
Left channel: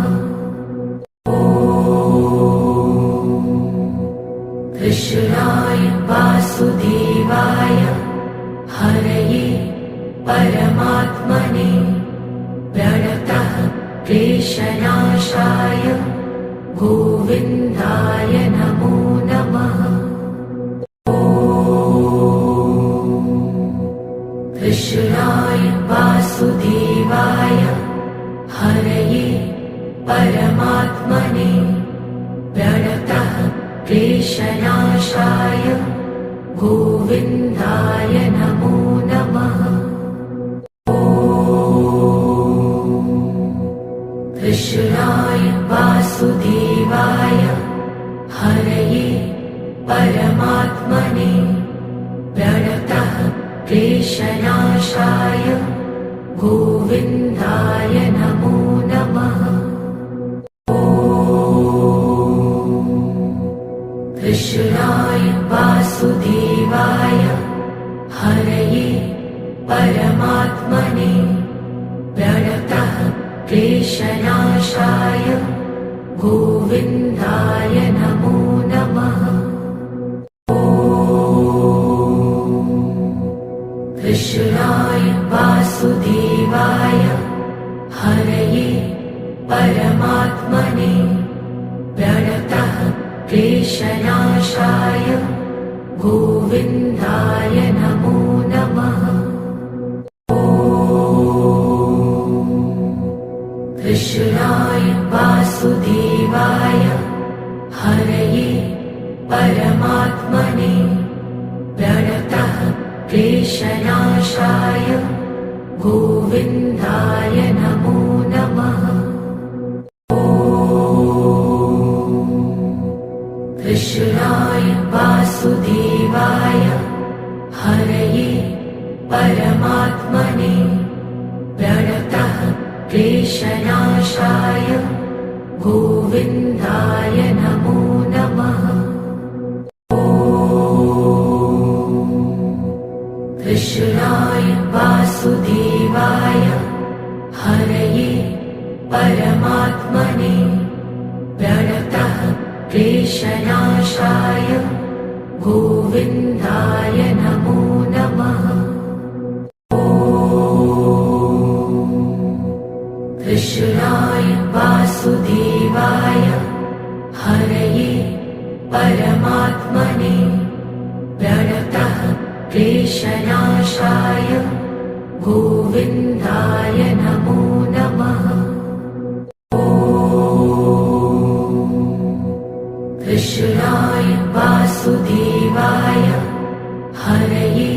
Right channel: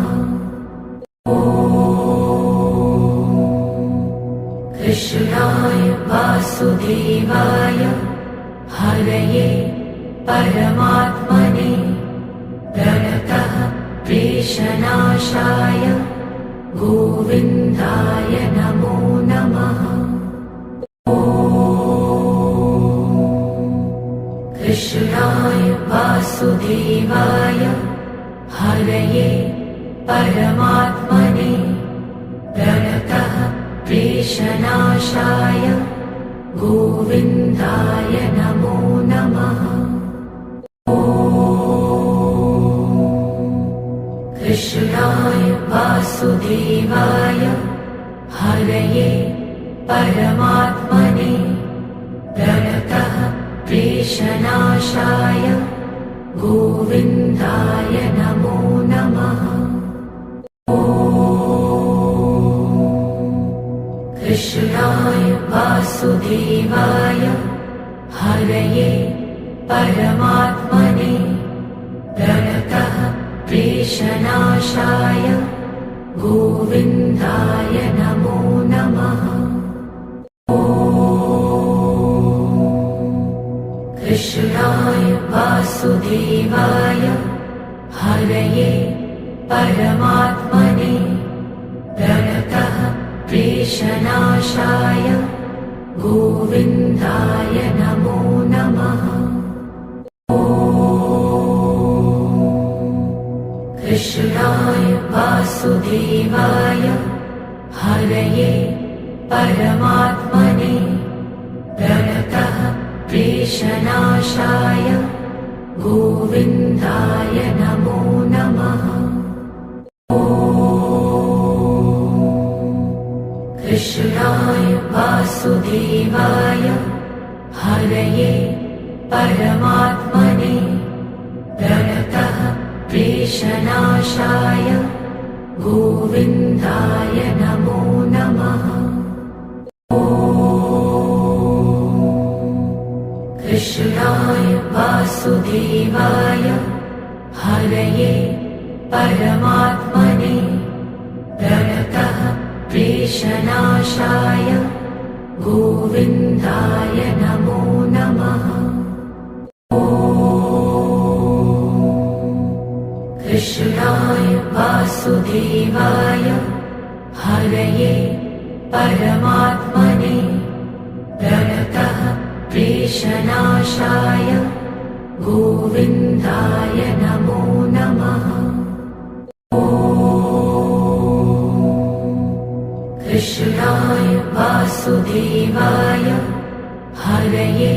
कृष्णाय वासुदेवाय हरये परमात्मने प्रणतः क्लेशनाशाय गोविन्दाय नमो नमः। कृष्णाय वासुदेवाय हरये परमात्मने प्रणतः क्लेशनाशाय गोविन्दाय नमो नमः। कृष्णाय वासुदेवाय हरये परमात्मने प्रणतः क्लेशनाशाय गोविन्दाय नमो नमः। कृष्णाय वासुदेवाय हरये परमात्मने प्रणतः क्लेशनाशाय गोविन्दाय नमो नमः। कृष्णाय वासुदेवाय हरये परमात्मने प्रणतः क्लेशनाशाय गोविन्दाय नमो नमः। कृष्णाय वासुदेवाय हरये परमात्मने प्रणतः क्लेशनाशाय गोविन्दाय नमो नमः। कृष्णाय वासुदेवाय हरये परमात्मने प्रणतः क्लेशनाशाय गोविन्दाय नमो नमः। कृष्णाय वासुदेवाय हरये परमात्मने प्रणतः क्लेशनाशाय गोविन्दाय नमो नमः। कृष्णाय वासुदेवाय हरये परमात्मने प्रणतः क्लेशनाशाय गोविन्दाय नमो नमः। कृष्णाय वासुदेवाय हरये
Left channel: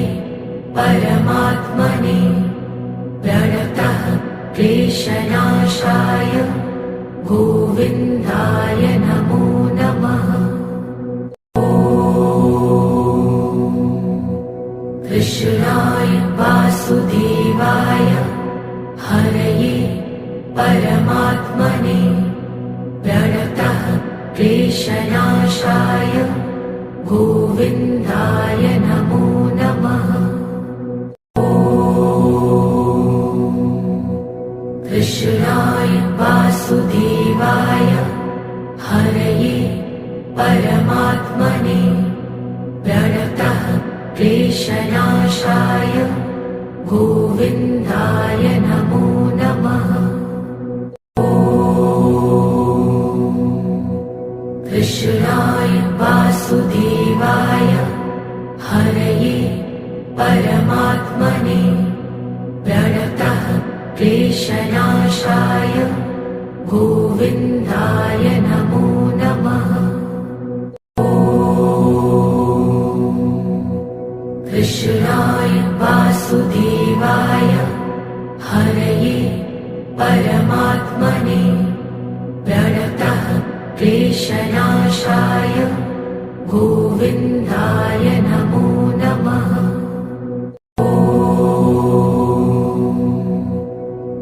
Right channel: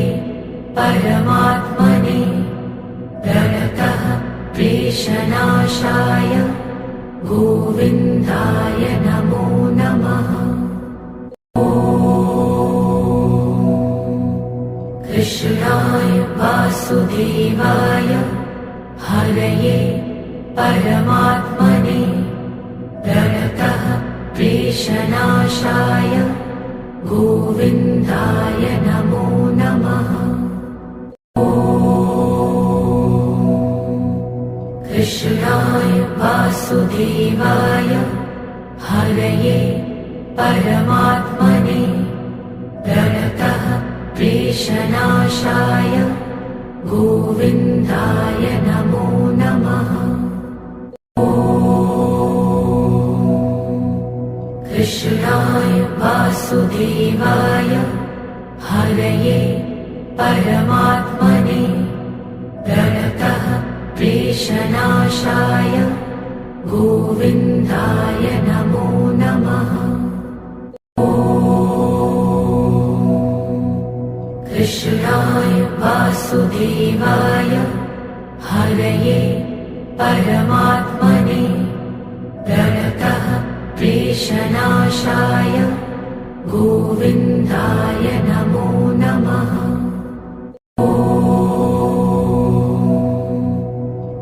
परमात्मने प्रणतः क्लेशनाशाय गोविन्दाय नमो नमः। कृष्णाय वासुदेवाय हरये परमात्मने प्रणतः क्लेशनाशाय गोविन्दाय नमो नमः। कृष्णाय वासुदेवाय हरये परमात्मने प्रणतः क्लेशनाशाय गोविन्दाय नमो नमः। कृष्णाय वासुदेवाय हरये परमात्मने प्रणतः क्लेशनाशाय गोविन्दाय नमो नमः। कृष्णाय वासुदेवाय हरये परमात्मने प्रणतः क्लेशनाशाय गोविन्दाय नमो नमः।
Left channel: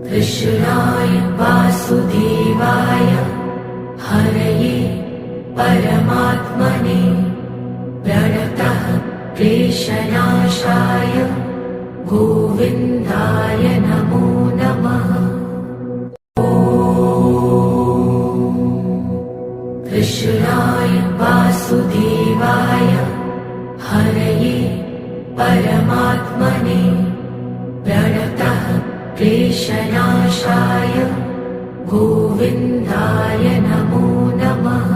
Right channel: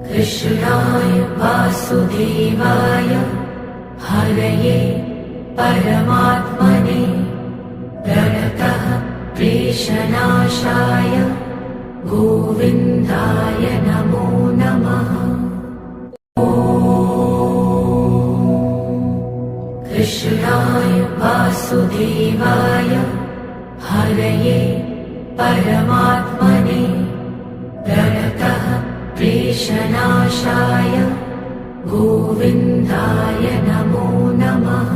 कृष्णाय वासुदेवाय हरये परमात्मने प्रणतः क्लेशनाशाय गोविन्दाय नमो नमः। कृष्णाय वासुदेवाय हरये परमात्मने प्रणतः क्लेशनाशाय गोविन्दाय नमो नमः।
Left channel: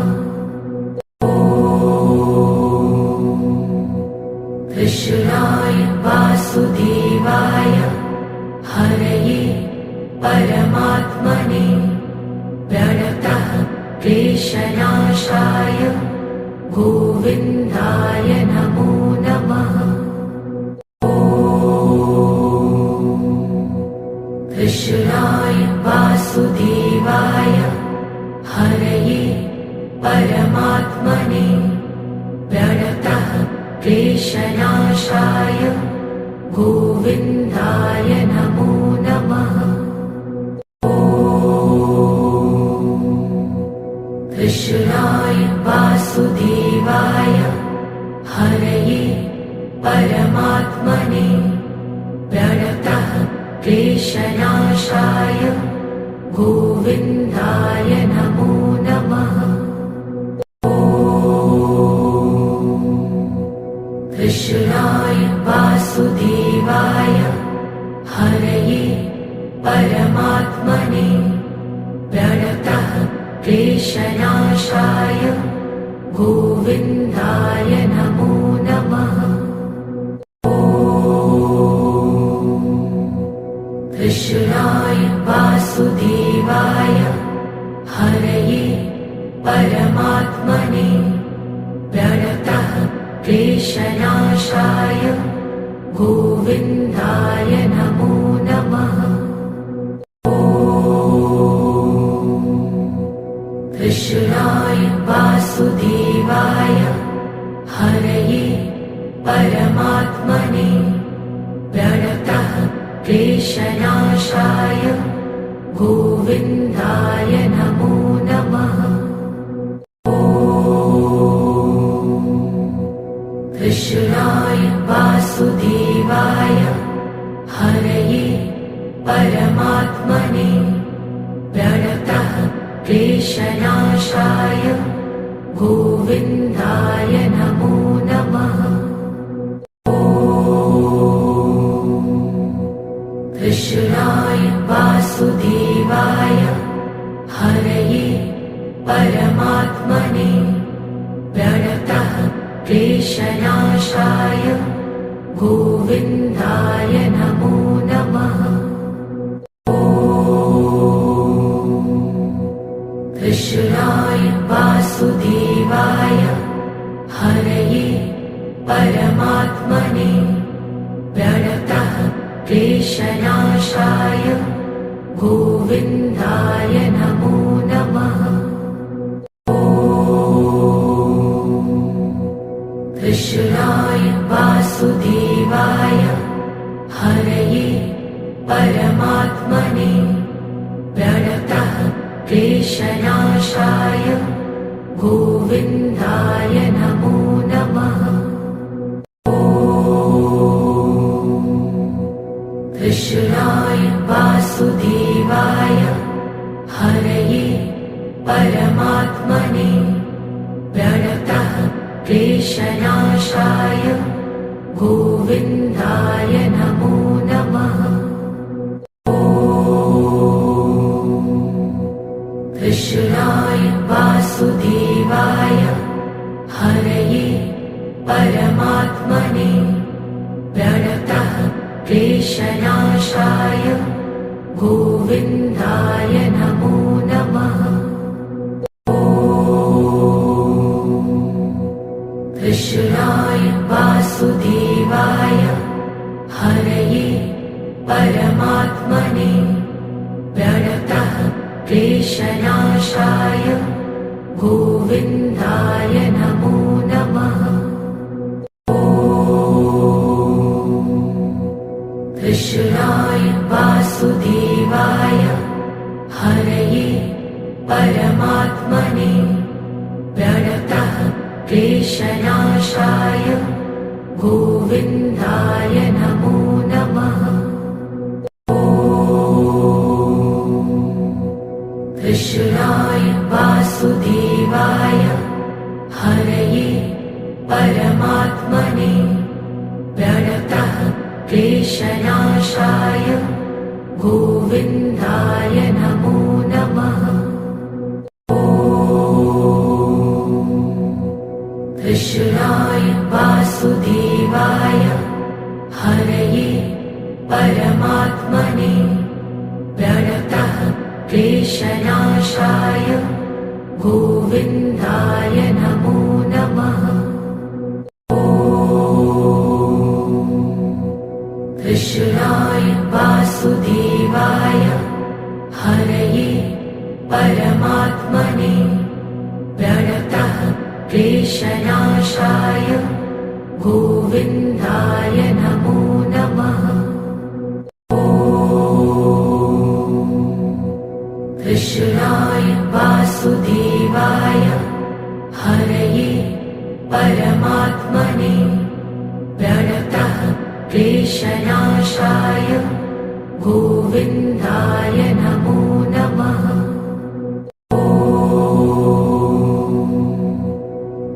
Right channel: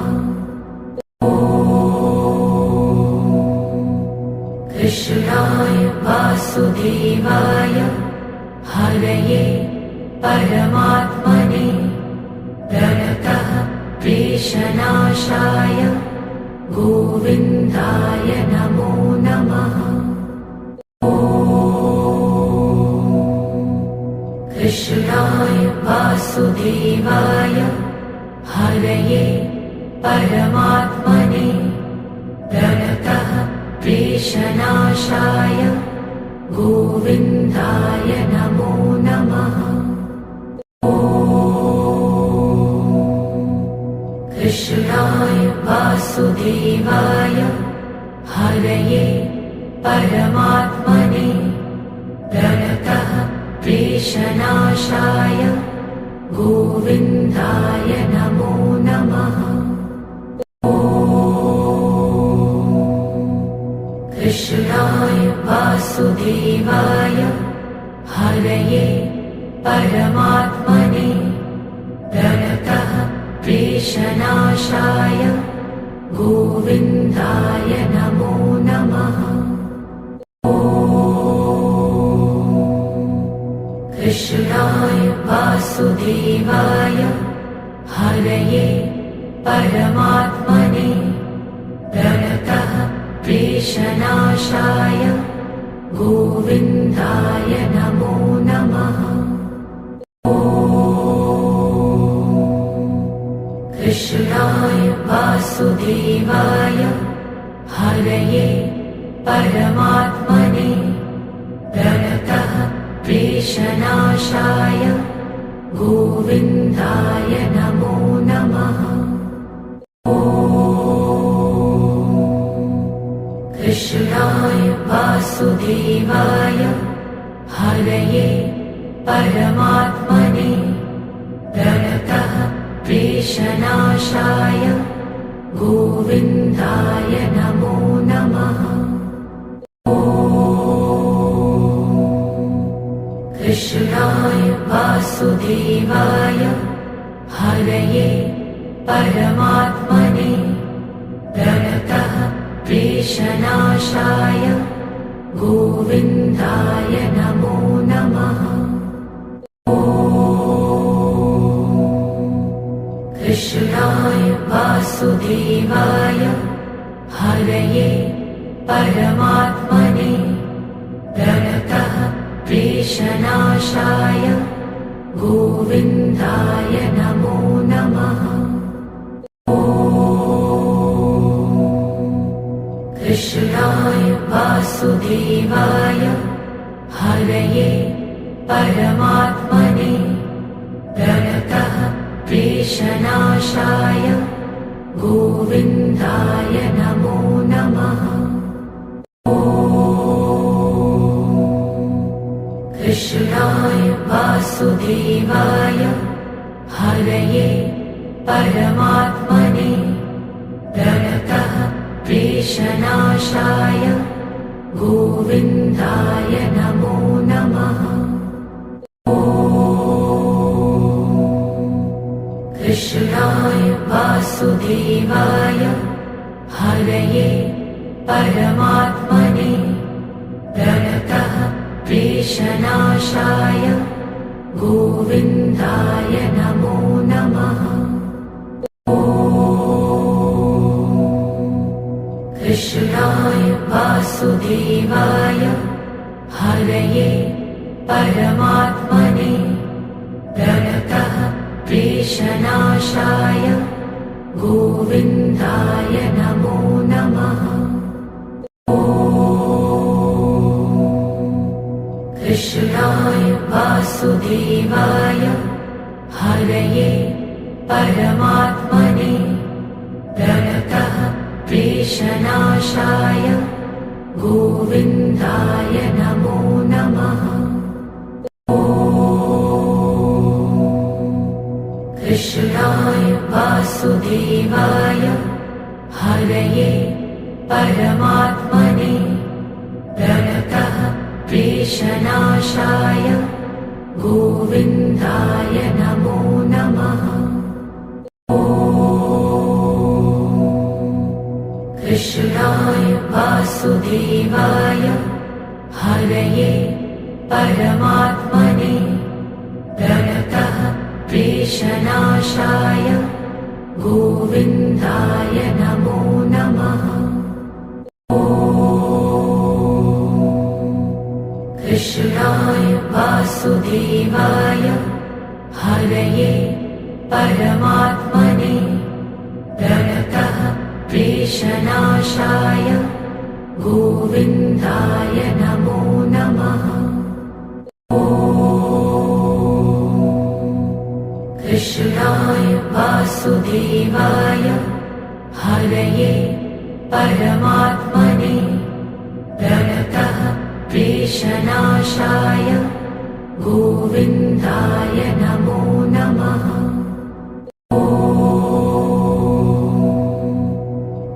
कृष्णाय वासुदेवाय हरये परमात्मने प्रणतः क्लेशनाशाय गोविन्दाय नमो नमः। कृष्णाय वासुदेवाय हरये परमात्मने प्रणतः क्लेशनाशाय गोविन्दाय नमो नमः। कृष्णाय वासुदेवाय हरये परमात्मने प्रणतः क्लेशनाशाय गोविन्दाय नमो नमः। कृष्णाय वासुदेवाय हरये परमात्मने प्रणतः क्लेशनाशाय गोविन्दाय नमो नमः। कृष्णाय वासुदेवाय हरये परमात्मने प्रणतः क्लेशनाशाय गोविन्दाय नमो नमः। कृष्णाय वासुदेवाय हरये परमात्मने प्रणतः क्लेशनाशाय गोविन्दाय नमो नमः। कृष्णाय वासुदेवाय हरये परमात्मने प्रणतः क्लेशनाशाय गोविन्दाय नमो नमः। कृष्णाय वासुदेवाय हरये परमात्मने प्रणतः क्लेशनाशाय गोविन्दाय नमो नमः। कृष्णाय वासुदेवाय हरये परमात्मने प्रणतः क्लेशनाशाय गोविन्दाय नमो नमः। कृष्णाय वासुदेवाय हरये परमात्मने प्रणतः क्लेशनाशाय गोविन्दाय नमो नमः। कृष्णाय वासुदेवाय हरये परमात्मने प्रणतः क्लेशनाशाय गोविन्दाय नमो नमः। कृष्णाय वासुदेवाय हरये परमात्मने प्रणतः क्लेशनाशाय गोविन्दाय नमो नमः। कृष्णाय वासुदेवाय हरये परमात्मने प्रणतः क्लेशनाशाय गोविन्दाय नमो नमः। कृष्णाय वासुदेवाय हरये परमात्मने प्रणतः क्लेशनाशाय गोविन्दाय नमो नमः। कृष्णाय वासुदेवाय हरये परमात्मने प्रणतः क्लेशनाशाय गोविन्दाय नमो नमः। कृष्णाय वासुदेवाय हरये परमात्मने प्रणतः क्लेशनाशाय गोविन्दाय नमो नमः। कृष्णाय वासुदेवाय हरये परमात्मने प्रणतः क्लेशनाशाय गोविन्दाय नमो नमः। कृष्णाय वासुदेवाय हरये परमात्मने प्रणतः क्लेशनाशाय गोविन्दाय नमो नमः।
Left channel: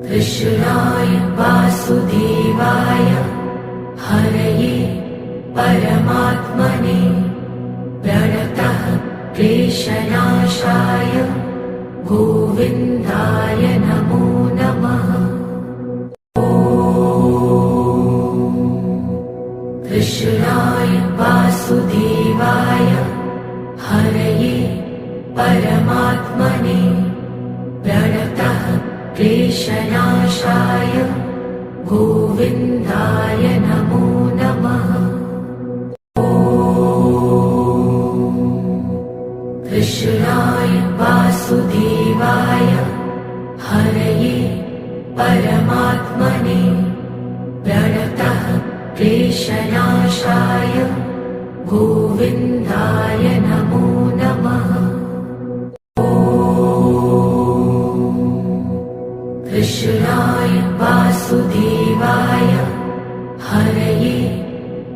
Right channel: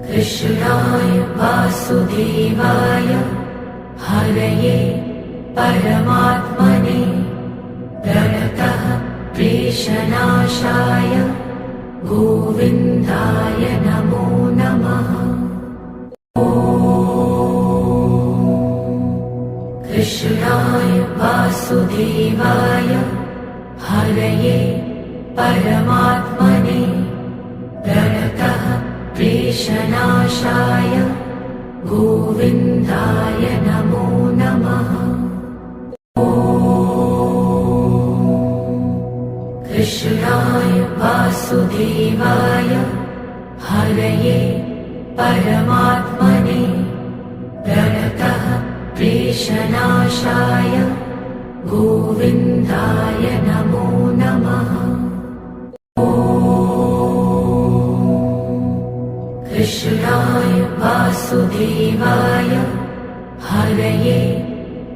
कृष्णाय वासुदेवाय हरये परमात्मने प्रणतः क्लेशनाशाय गोविन्दाय नमो नमः। कृष्णाय वासुदेवाय हरये परमात्मने प्रणतः क्लेशनाशाय गोविन्दाय नमो नमः। कृष्णाय वासुदेवाय हरये परमात्मने प्रणतः क्लेशनाशाय गोविन्दाय नमो नमः। कृष्णाय वासुदेवाय हरये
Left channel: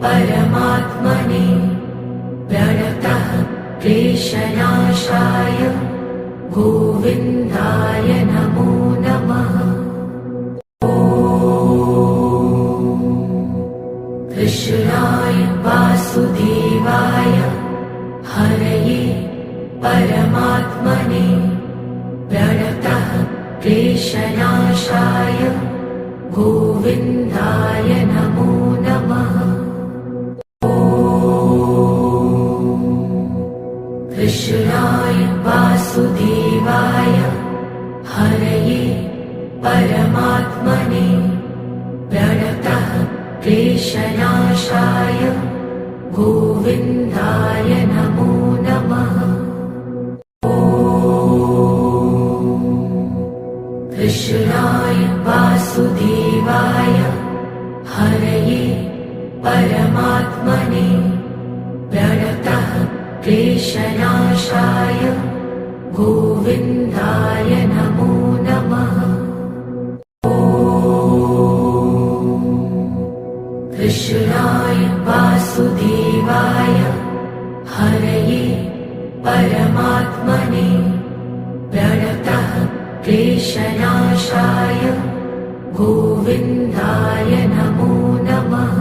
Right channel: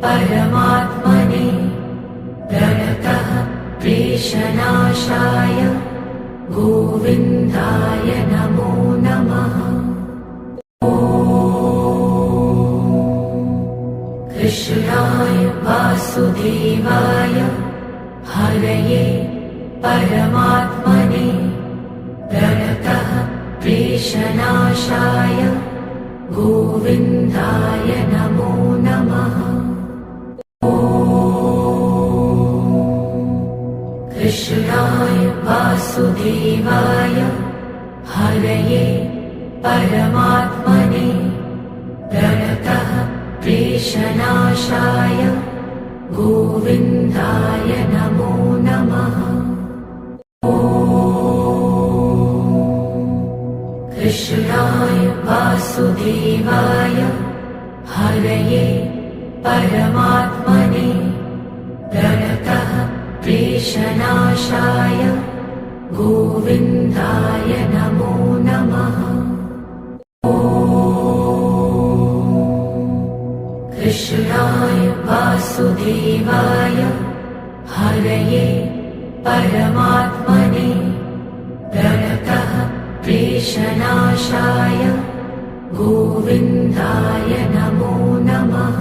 परमात्मने प्रणतः क्लेशनाशाय गोविन्दाय नमो नमः। कृष्णाय वासुदेवाय हरये परमात्मने प्रणतः क्लेशनाशाय गोविन्दाय नमो नमः। कृष्णाय वासुदेवाय हरये परमात्मने प्रणतः क्लेशनाशाय गोविन्दाय नमो नमः। कृष्णाय वासुदेवाय हरये परमात्मने प्रणतः क्लेशनाशाय गोविन्दाय नमो नमः। कृष्णाय वासुदेवाय हरये परमात्मने प्रणतः क्लेशनाशाय गोविन्दाय नमो नमः।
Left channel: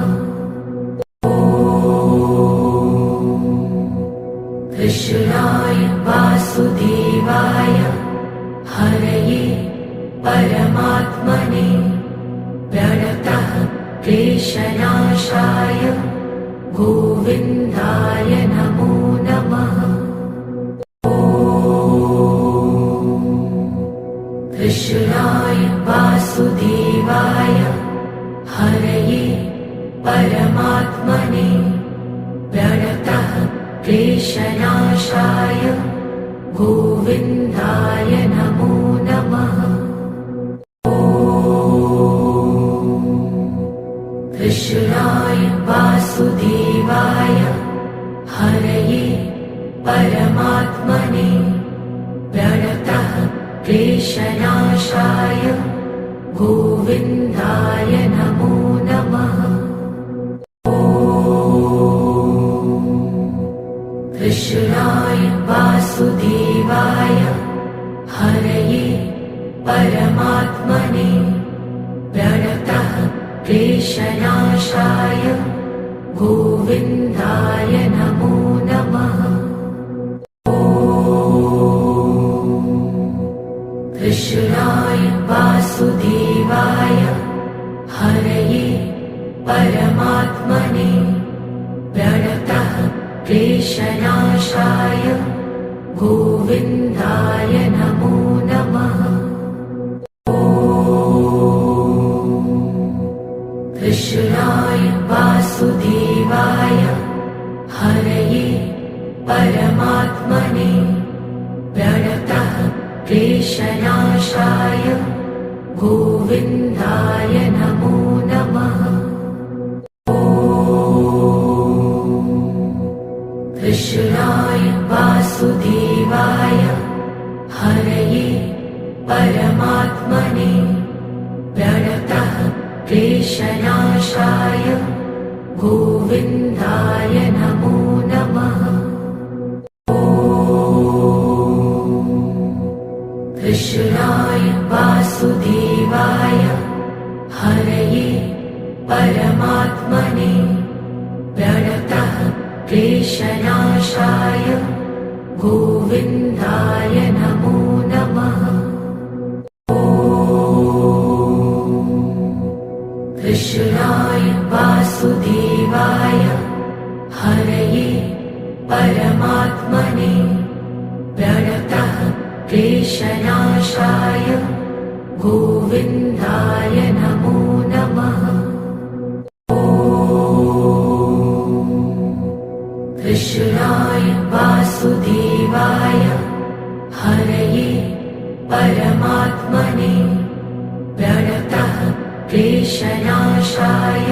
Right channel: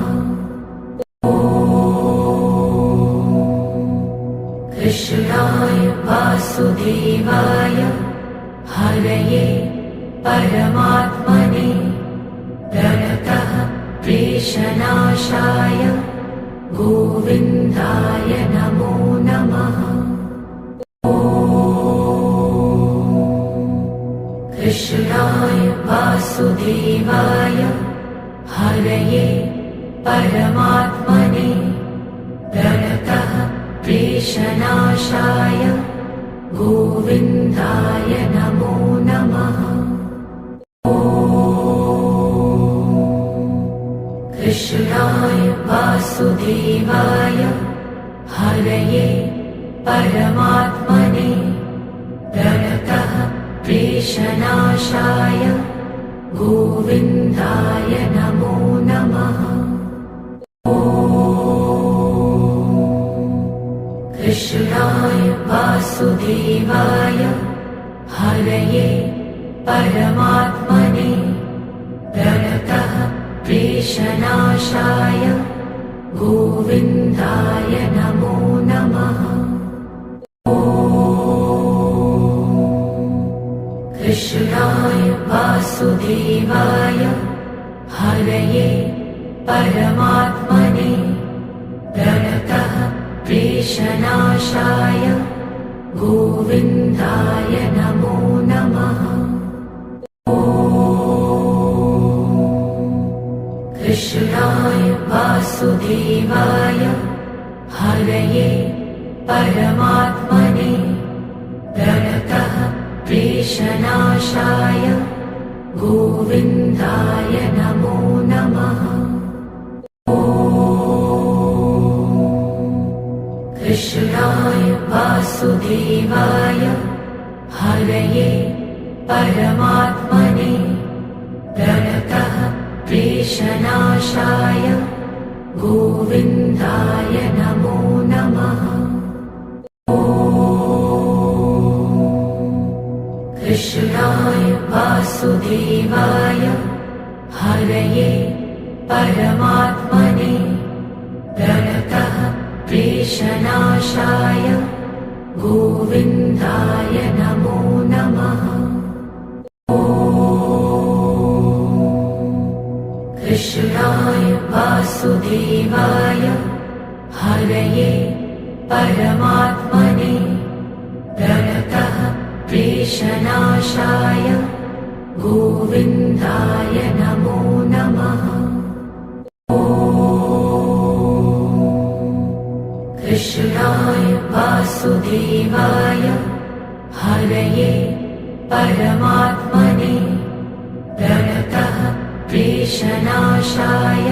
कृष्णाय वासुदेवाय हरये परमात्मने प्रणतः क्लेशनाशाय गोविन्दाय नमो नमः। कृष्णाय वासुदेवाय हरये परमात्मने प्रणतः क्लेशनाशाय गोविन्दाय नमो नमः। कृष्णाय वासुदेवाय हरये परमात्मने प्रणतः क्लेशनाशाय गोविन्दाय नमो नमः। कृष्णाय वासुदेवाय हरये परमात्मने प्रणतः क्लेशनाशाय गोविन्दाय नमो नमः। कृष्णाय वासुदेवाय हरये परमात्मने प्रणतः क्लेशनाशाय गोविन्दाय नमो नमः। कृष्णाय वासुदेवाय हरये परमात्मने प्रणतः क्लेशनाशाय गोविन्दाय नमो नमः। कृष्णाय वासुदेवाय हरये परमात्मने प्रणतः क्लेशनाशाय गोविन्दाय नमो नमः। कृष्णाय वासुदेवाय हरये परमात्मने प्रणतः क्लेशनाशाय गोविन्दाय नमो नमः। कृष्णाय वासुदेवाय हरये परमात्मने प्रणतः क्लेशनाशाय गोविन्दाय नमो नमः। कृष्णाय वासुदेवाय हरये परमात्मने प्रणतः क्लेशनाशाय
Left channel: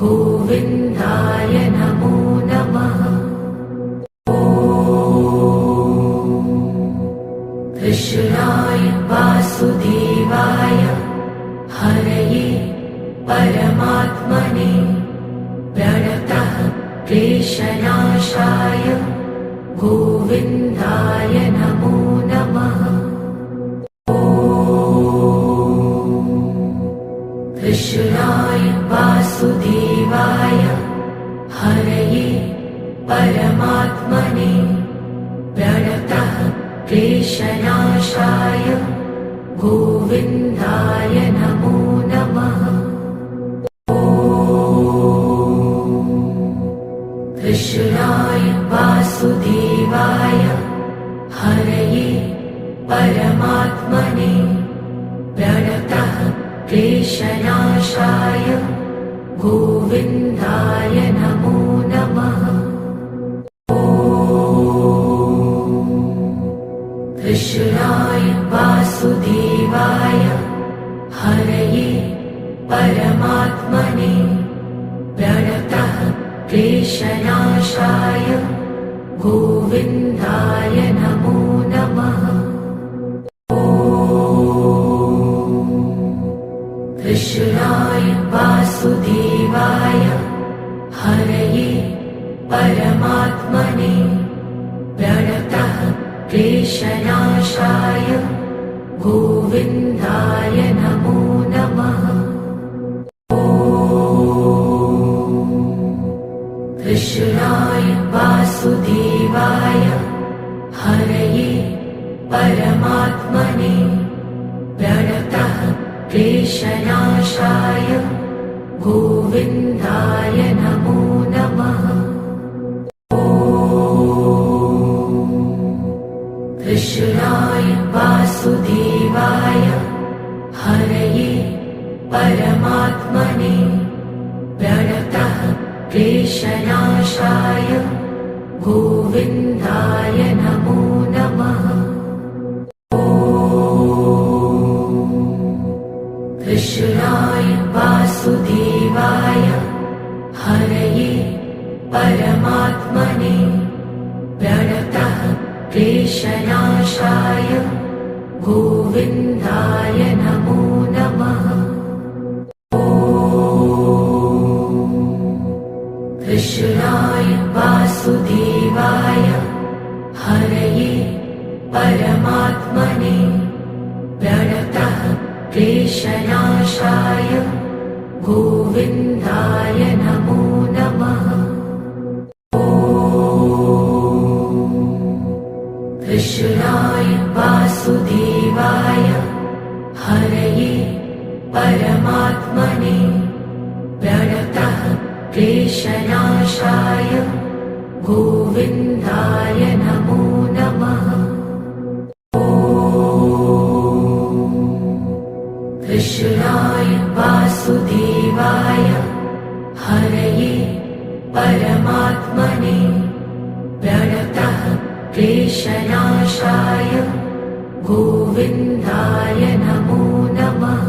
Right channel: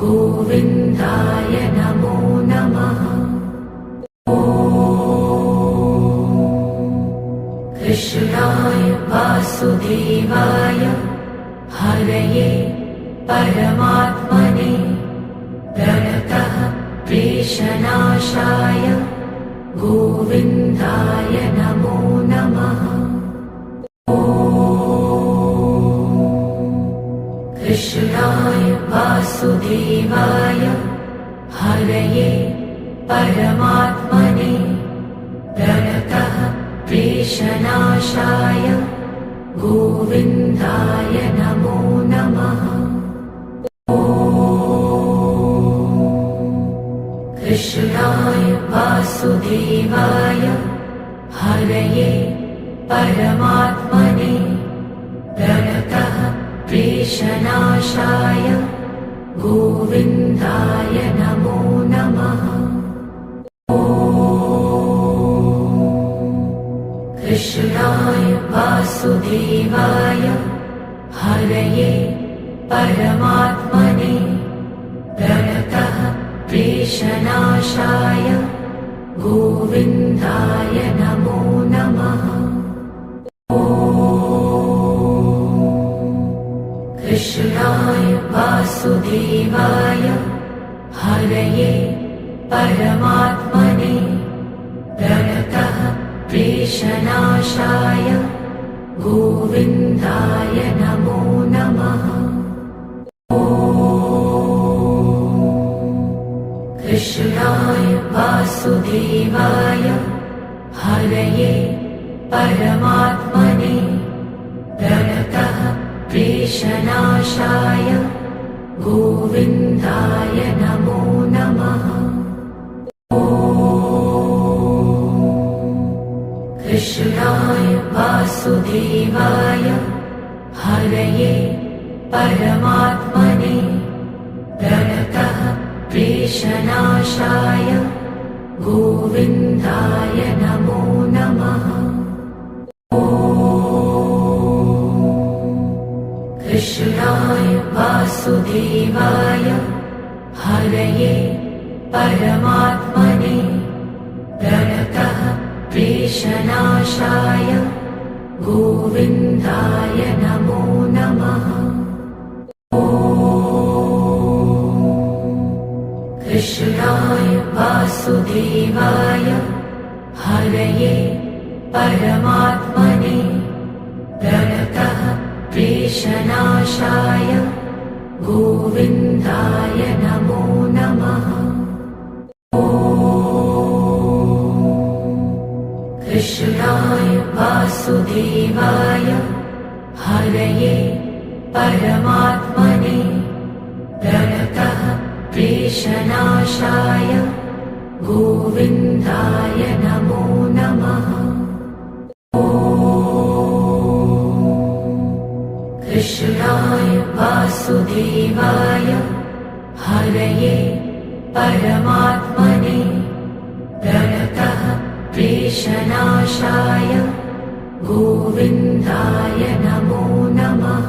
गोविन्दाय नमो नमः। कृष्णाय वासुदेवाय हरये परमात्मने प्रणतः क्लेशनाशाय गोविन्दाय नमो नमः। कृष्णाय वासुदेवाय हरये परमात्मने प्रणतः क्लेशनाशाय गोविन्दाय नमो नमः। कृष्णाय वासुदेवाय हरये परमात्मने प्रणतः क्लेशनाशाय गोविन्दाय नमो नमः। कृष्णाय वासुदेवाय हरये परमात्मने प्रणतः क्लेशनाशाय गोविन्दाय नमो नमः। कृष्णाय वासुदेवाय हरये परमात्मने प्रणतः क्लेशनाशाय गोविन्दाय नमो नमः। कृष्णाय वासुदेवाय हरये परमात्मने प्रणतः क्लेशनाशाय गोविन्दाय नमो नमः। कृष्णाय वासुदेवाय हरये परमात्मने प्रणतः क्लेशनाशाय गोविन्दाय नमो नमः। कृष्णाय वासुदेवाय हरये परमात्मने प्रणतः क्लेशनाशाय गोविन्दाय नमो नमः। कृष्णाय वासुदेवाय हरये परमात्मने प्रणतः क्लेशनाशाय गोविन्दाय नमो नमः। कृष्णाय वासुदेवाय हरये परमात्मने प्रणतः क्लेशनाशाय गोविन्दाय नमो नमः। कृष्णाय वासुदेवाय हरये परमात्मने प्रणतः क्लेशनाशाय गोविन्दाय नमो नमः।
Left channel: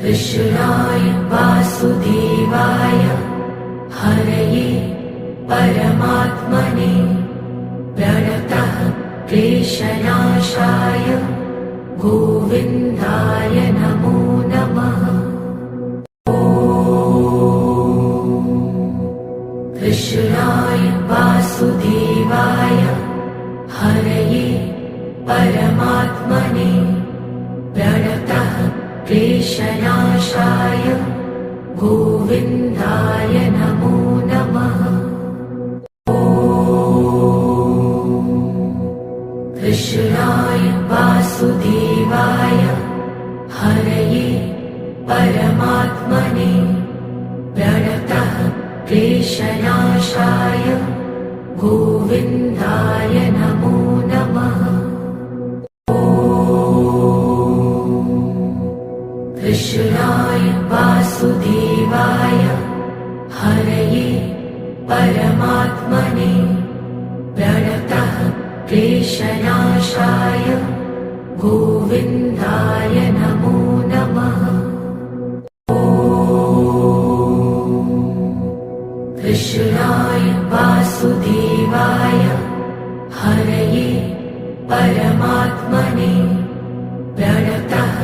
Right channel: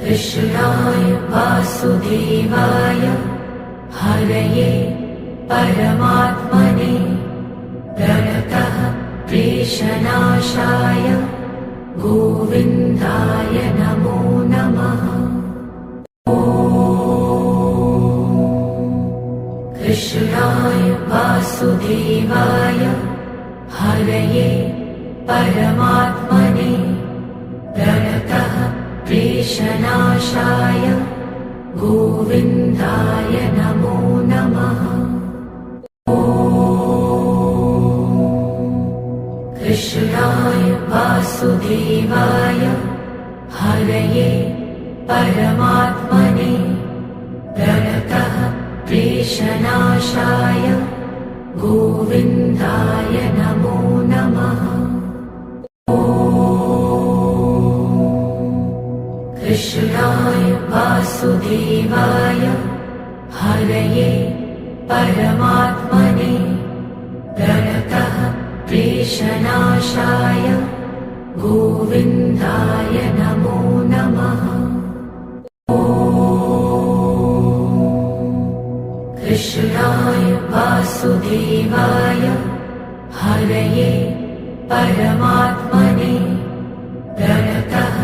कृष्णाय वासुदेवाय हरये परमात्मने प्रणतः क्लेशनाशाय गोविन्दाय नमो नमः। कृष्णाय वासुदेवाय हरये परमात्मने प्रणतः क्लेशनाशाय गोविन्दाय नमो नमः। कृष्णाय वासुदेवाय हरये परमात्मने प्रणतः क्लेशनाशाय गोविन्दाय नमो नमः। कृष्णाय वासुदेवाय हरये परमात्मने प्रणतः क्लेशनाशाय गोविन्दाय नमो नमः। कृष्णाय वासुदेवाय हरये परमात्मने प्रणतः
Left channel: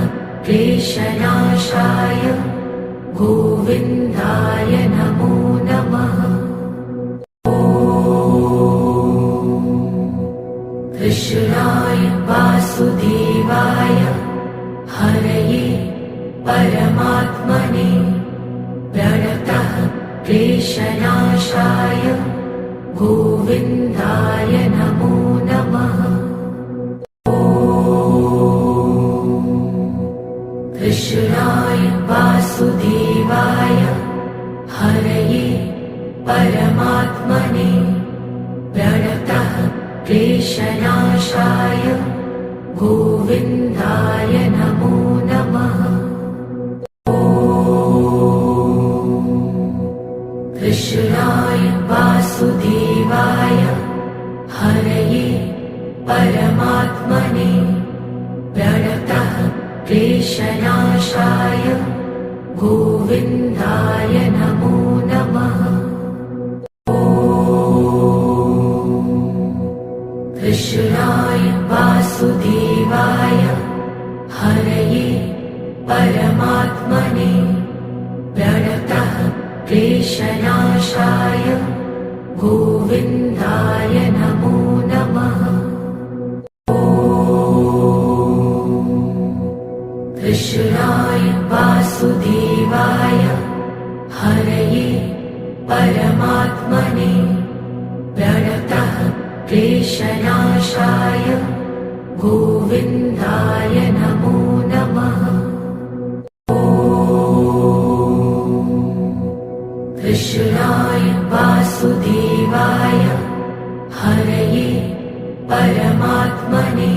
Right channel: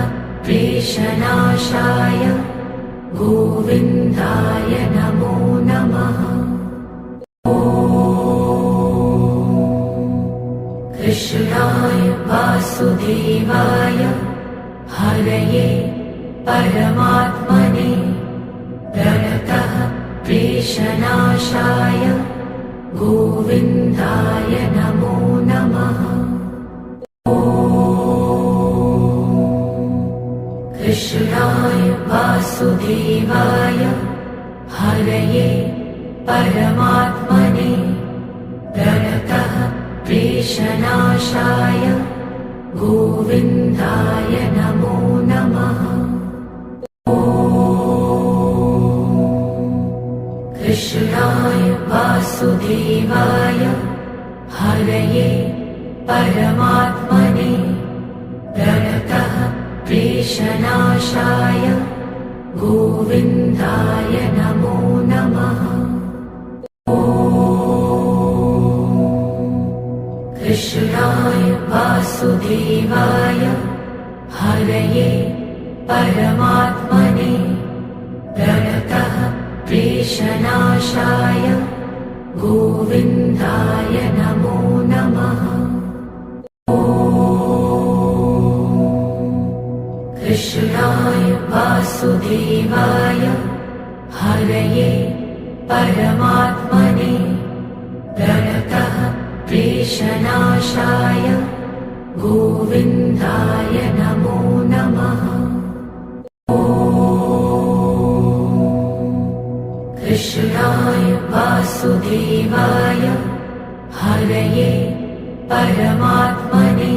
क्लेशनाशाय गोविन्दाय गोविन्दाय नमो नमः। कृष्णाय वासुदेवाय हरये परमात्मने प्रणतः क्लेशनाशाय गोविन्दाय नमो नमः। कृष्णाय वासुदेवाय हरये परमात्मने प्रणतः क्लेशनाशाय गोविन्दाय नमो नमः। कृष्णाय वासुदेवाय हरये परमात्मने प्रणतः क्लेशनाशाय गोविन्दाय नमो नमः। कृष्णाय वासुदेवाय हरये परमात्मने प्रणतः क्लेशनाशाय गोविन्दाय नमो नमः। कृष्णाय वासुदेवाय हरये परमात्मने प्रणतः क्लेशनाशाय गोविन्दाय नमो नमः। कृष्णाय वासुदेवाय हरये परमात्मने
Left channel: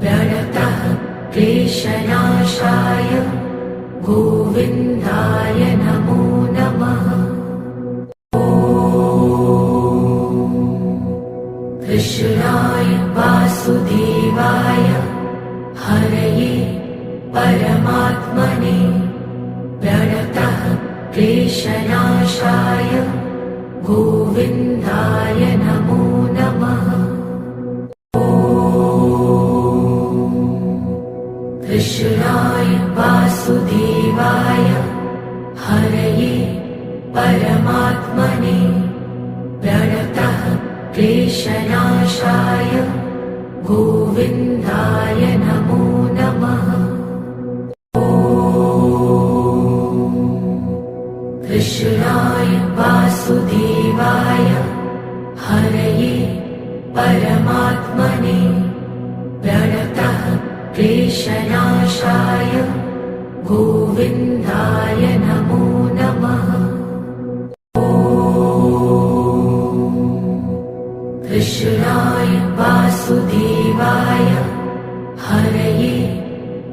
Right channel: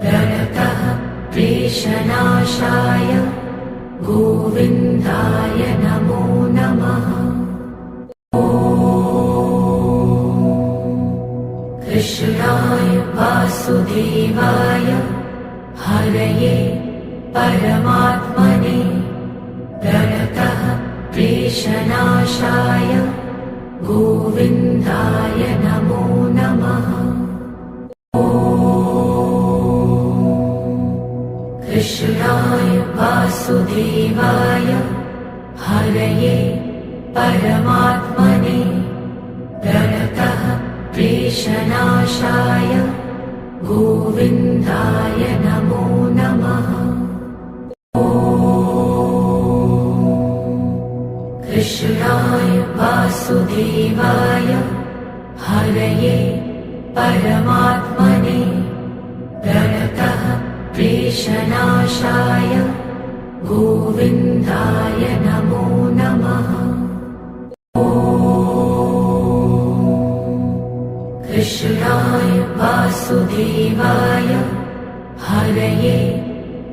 प्रणतः क्लेशनाशाय गोविन्दाय नमो नमः। कृष्णाय वासुदेवाय हरये परमात्मने प्रणतः क्लेशनाशाय गोविन्दाय नमो नमः। कृष्णाय वासुदेवाय हरये परमात्मने प्रणतः क्लेशनाशाय गोविन्दाय नमो नमः। कृष्णाय वासुदेवाय हरये परमात्मने प्रणतः क्लेशनाशाय गोविन्दाय नमो नमः। कृष्णाय वासुदेवाय हरये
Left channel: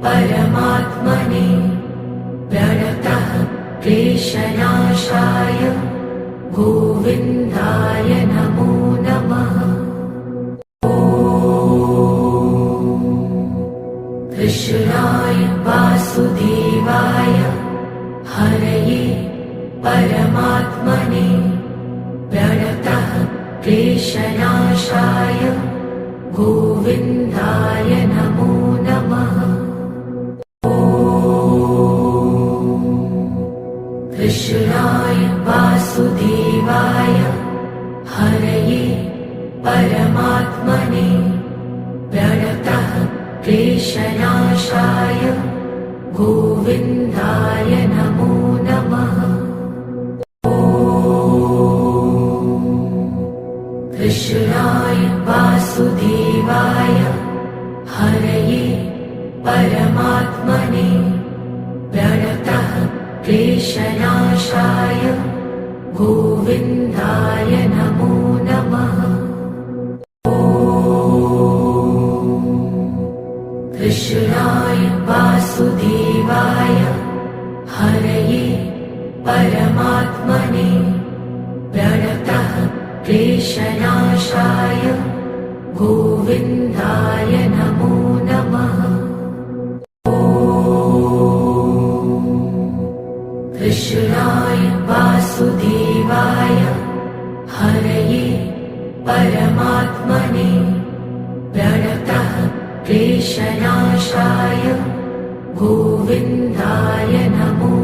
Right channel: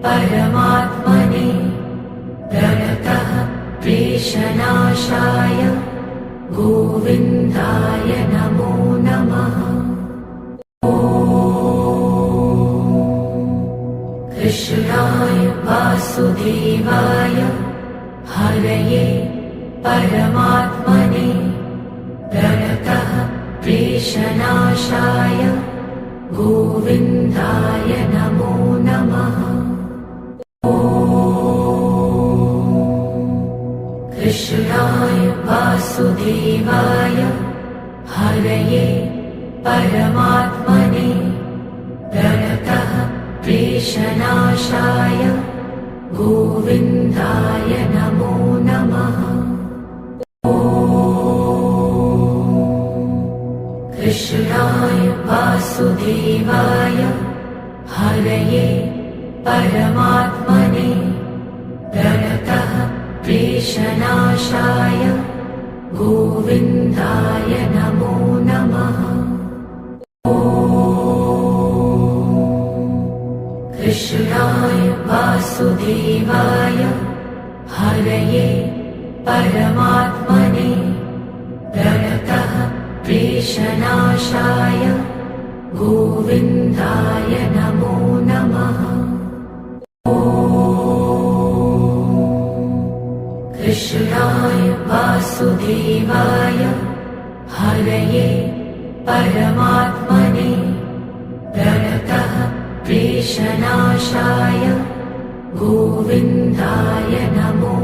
परमात्मने प्रणतः क्लेशनाशाय गोविन्दाय नमो नमः। कृष्णाय वासुदेवाय हरये परमात्मने प्रणतः क्लेशनाशाय गोविन्दाय नमो नमः। कृष्णाय वासुदेवाय हरये परमात्मने प्रणतः क्लेशनाशाय गोविन्दाय नमो नमः। कृष्णाय वासुदेवाय हरये परमात्मने प्रणतः क्लेशनाशाय गोविन्दाय नमो नमः। कृष्णाय वासुदेवाय हरये परमात्मने प्रणतः क्लेशनाशाय गोविन्दाय नमो नमः। कृष्णाय वासुदेवाय हरये परमात्मने प्रणतः क्लेशनाशाय गोविन्दाय नमो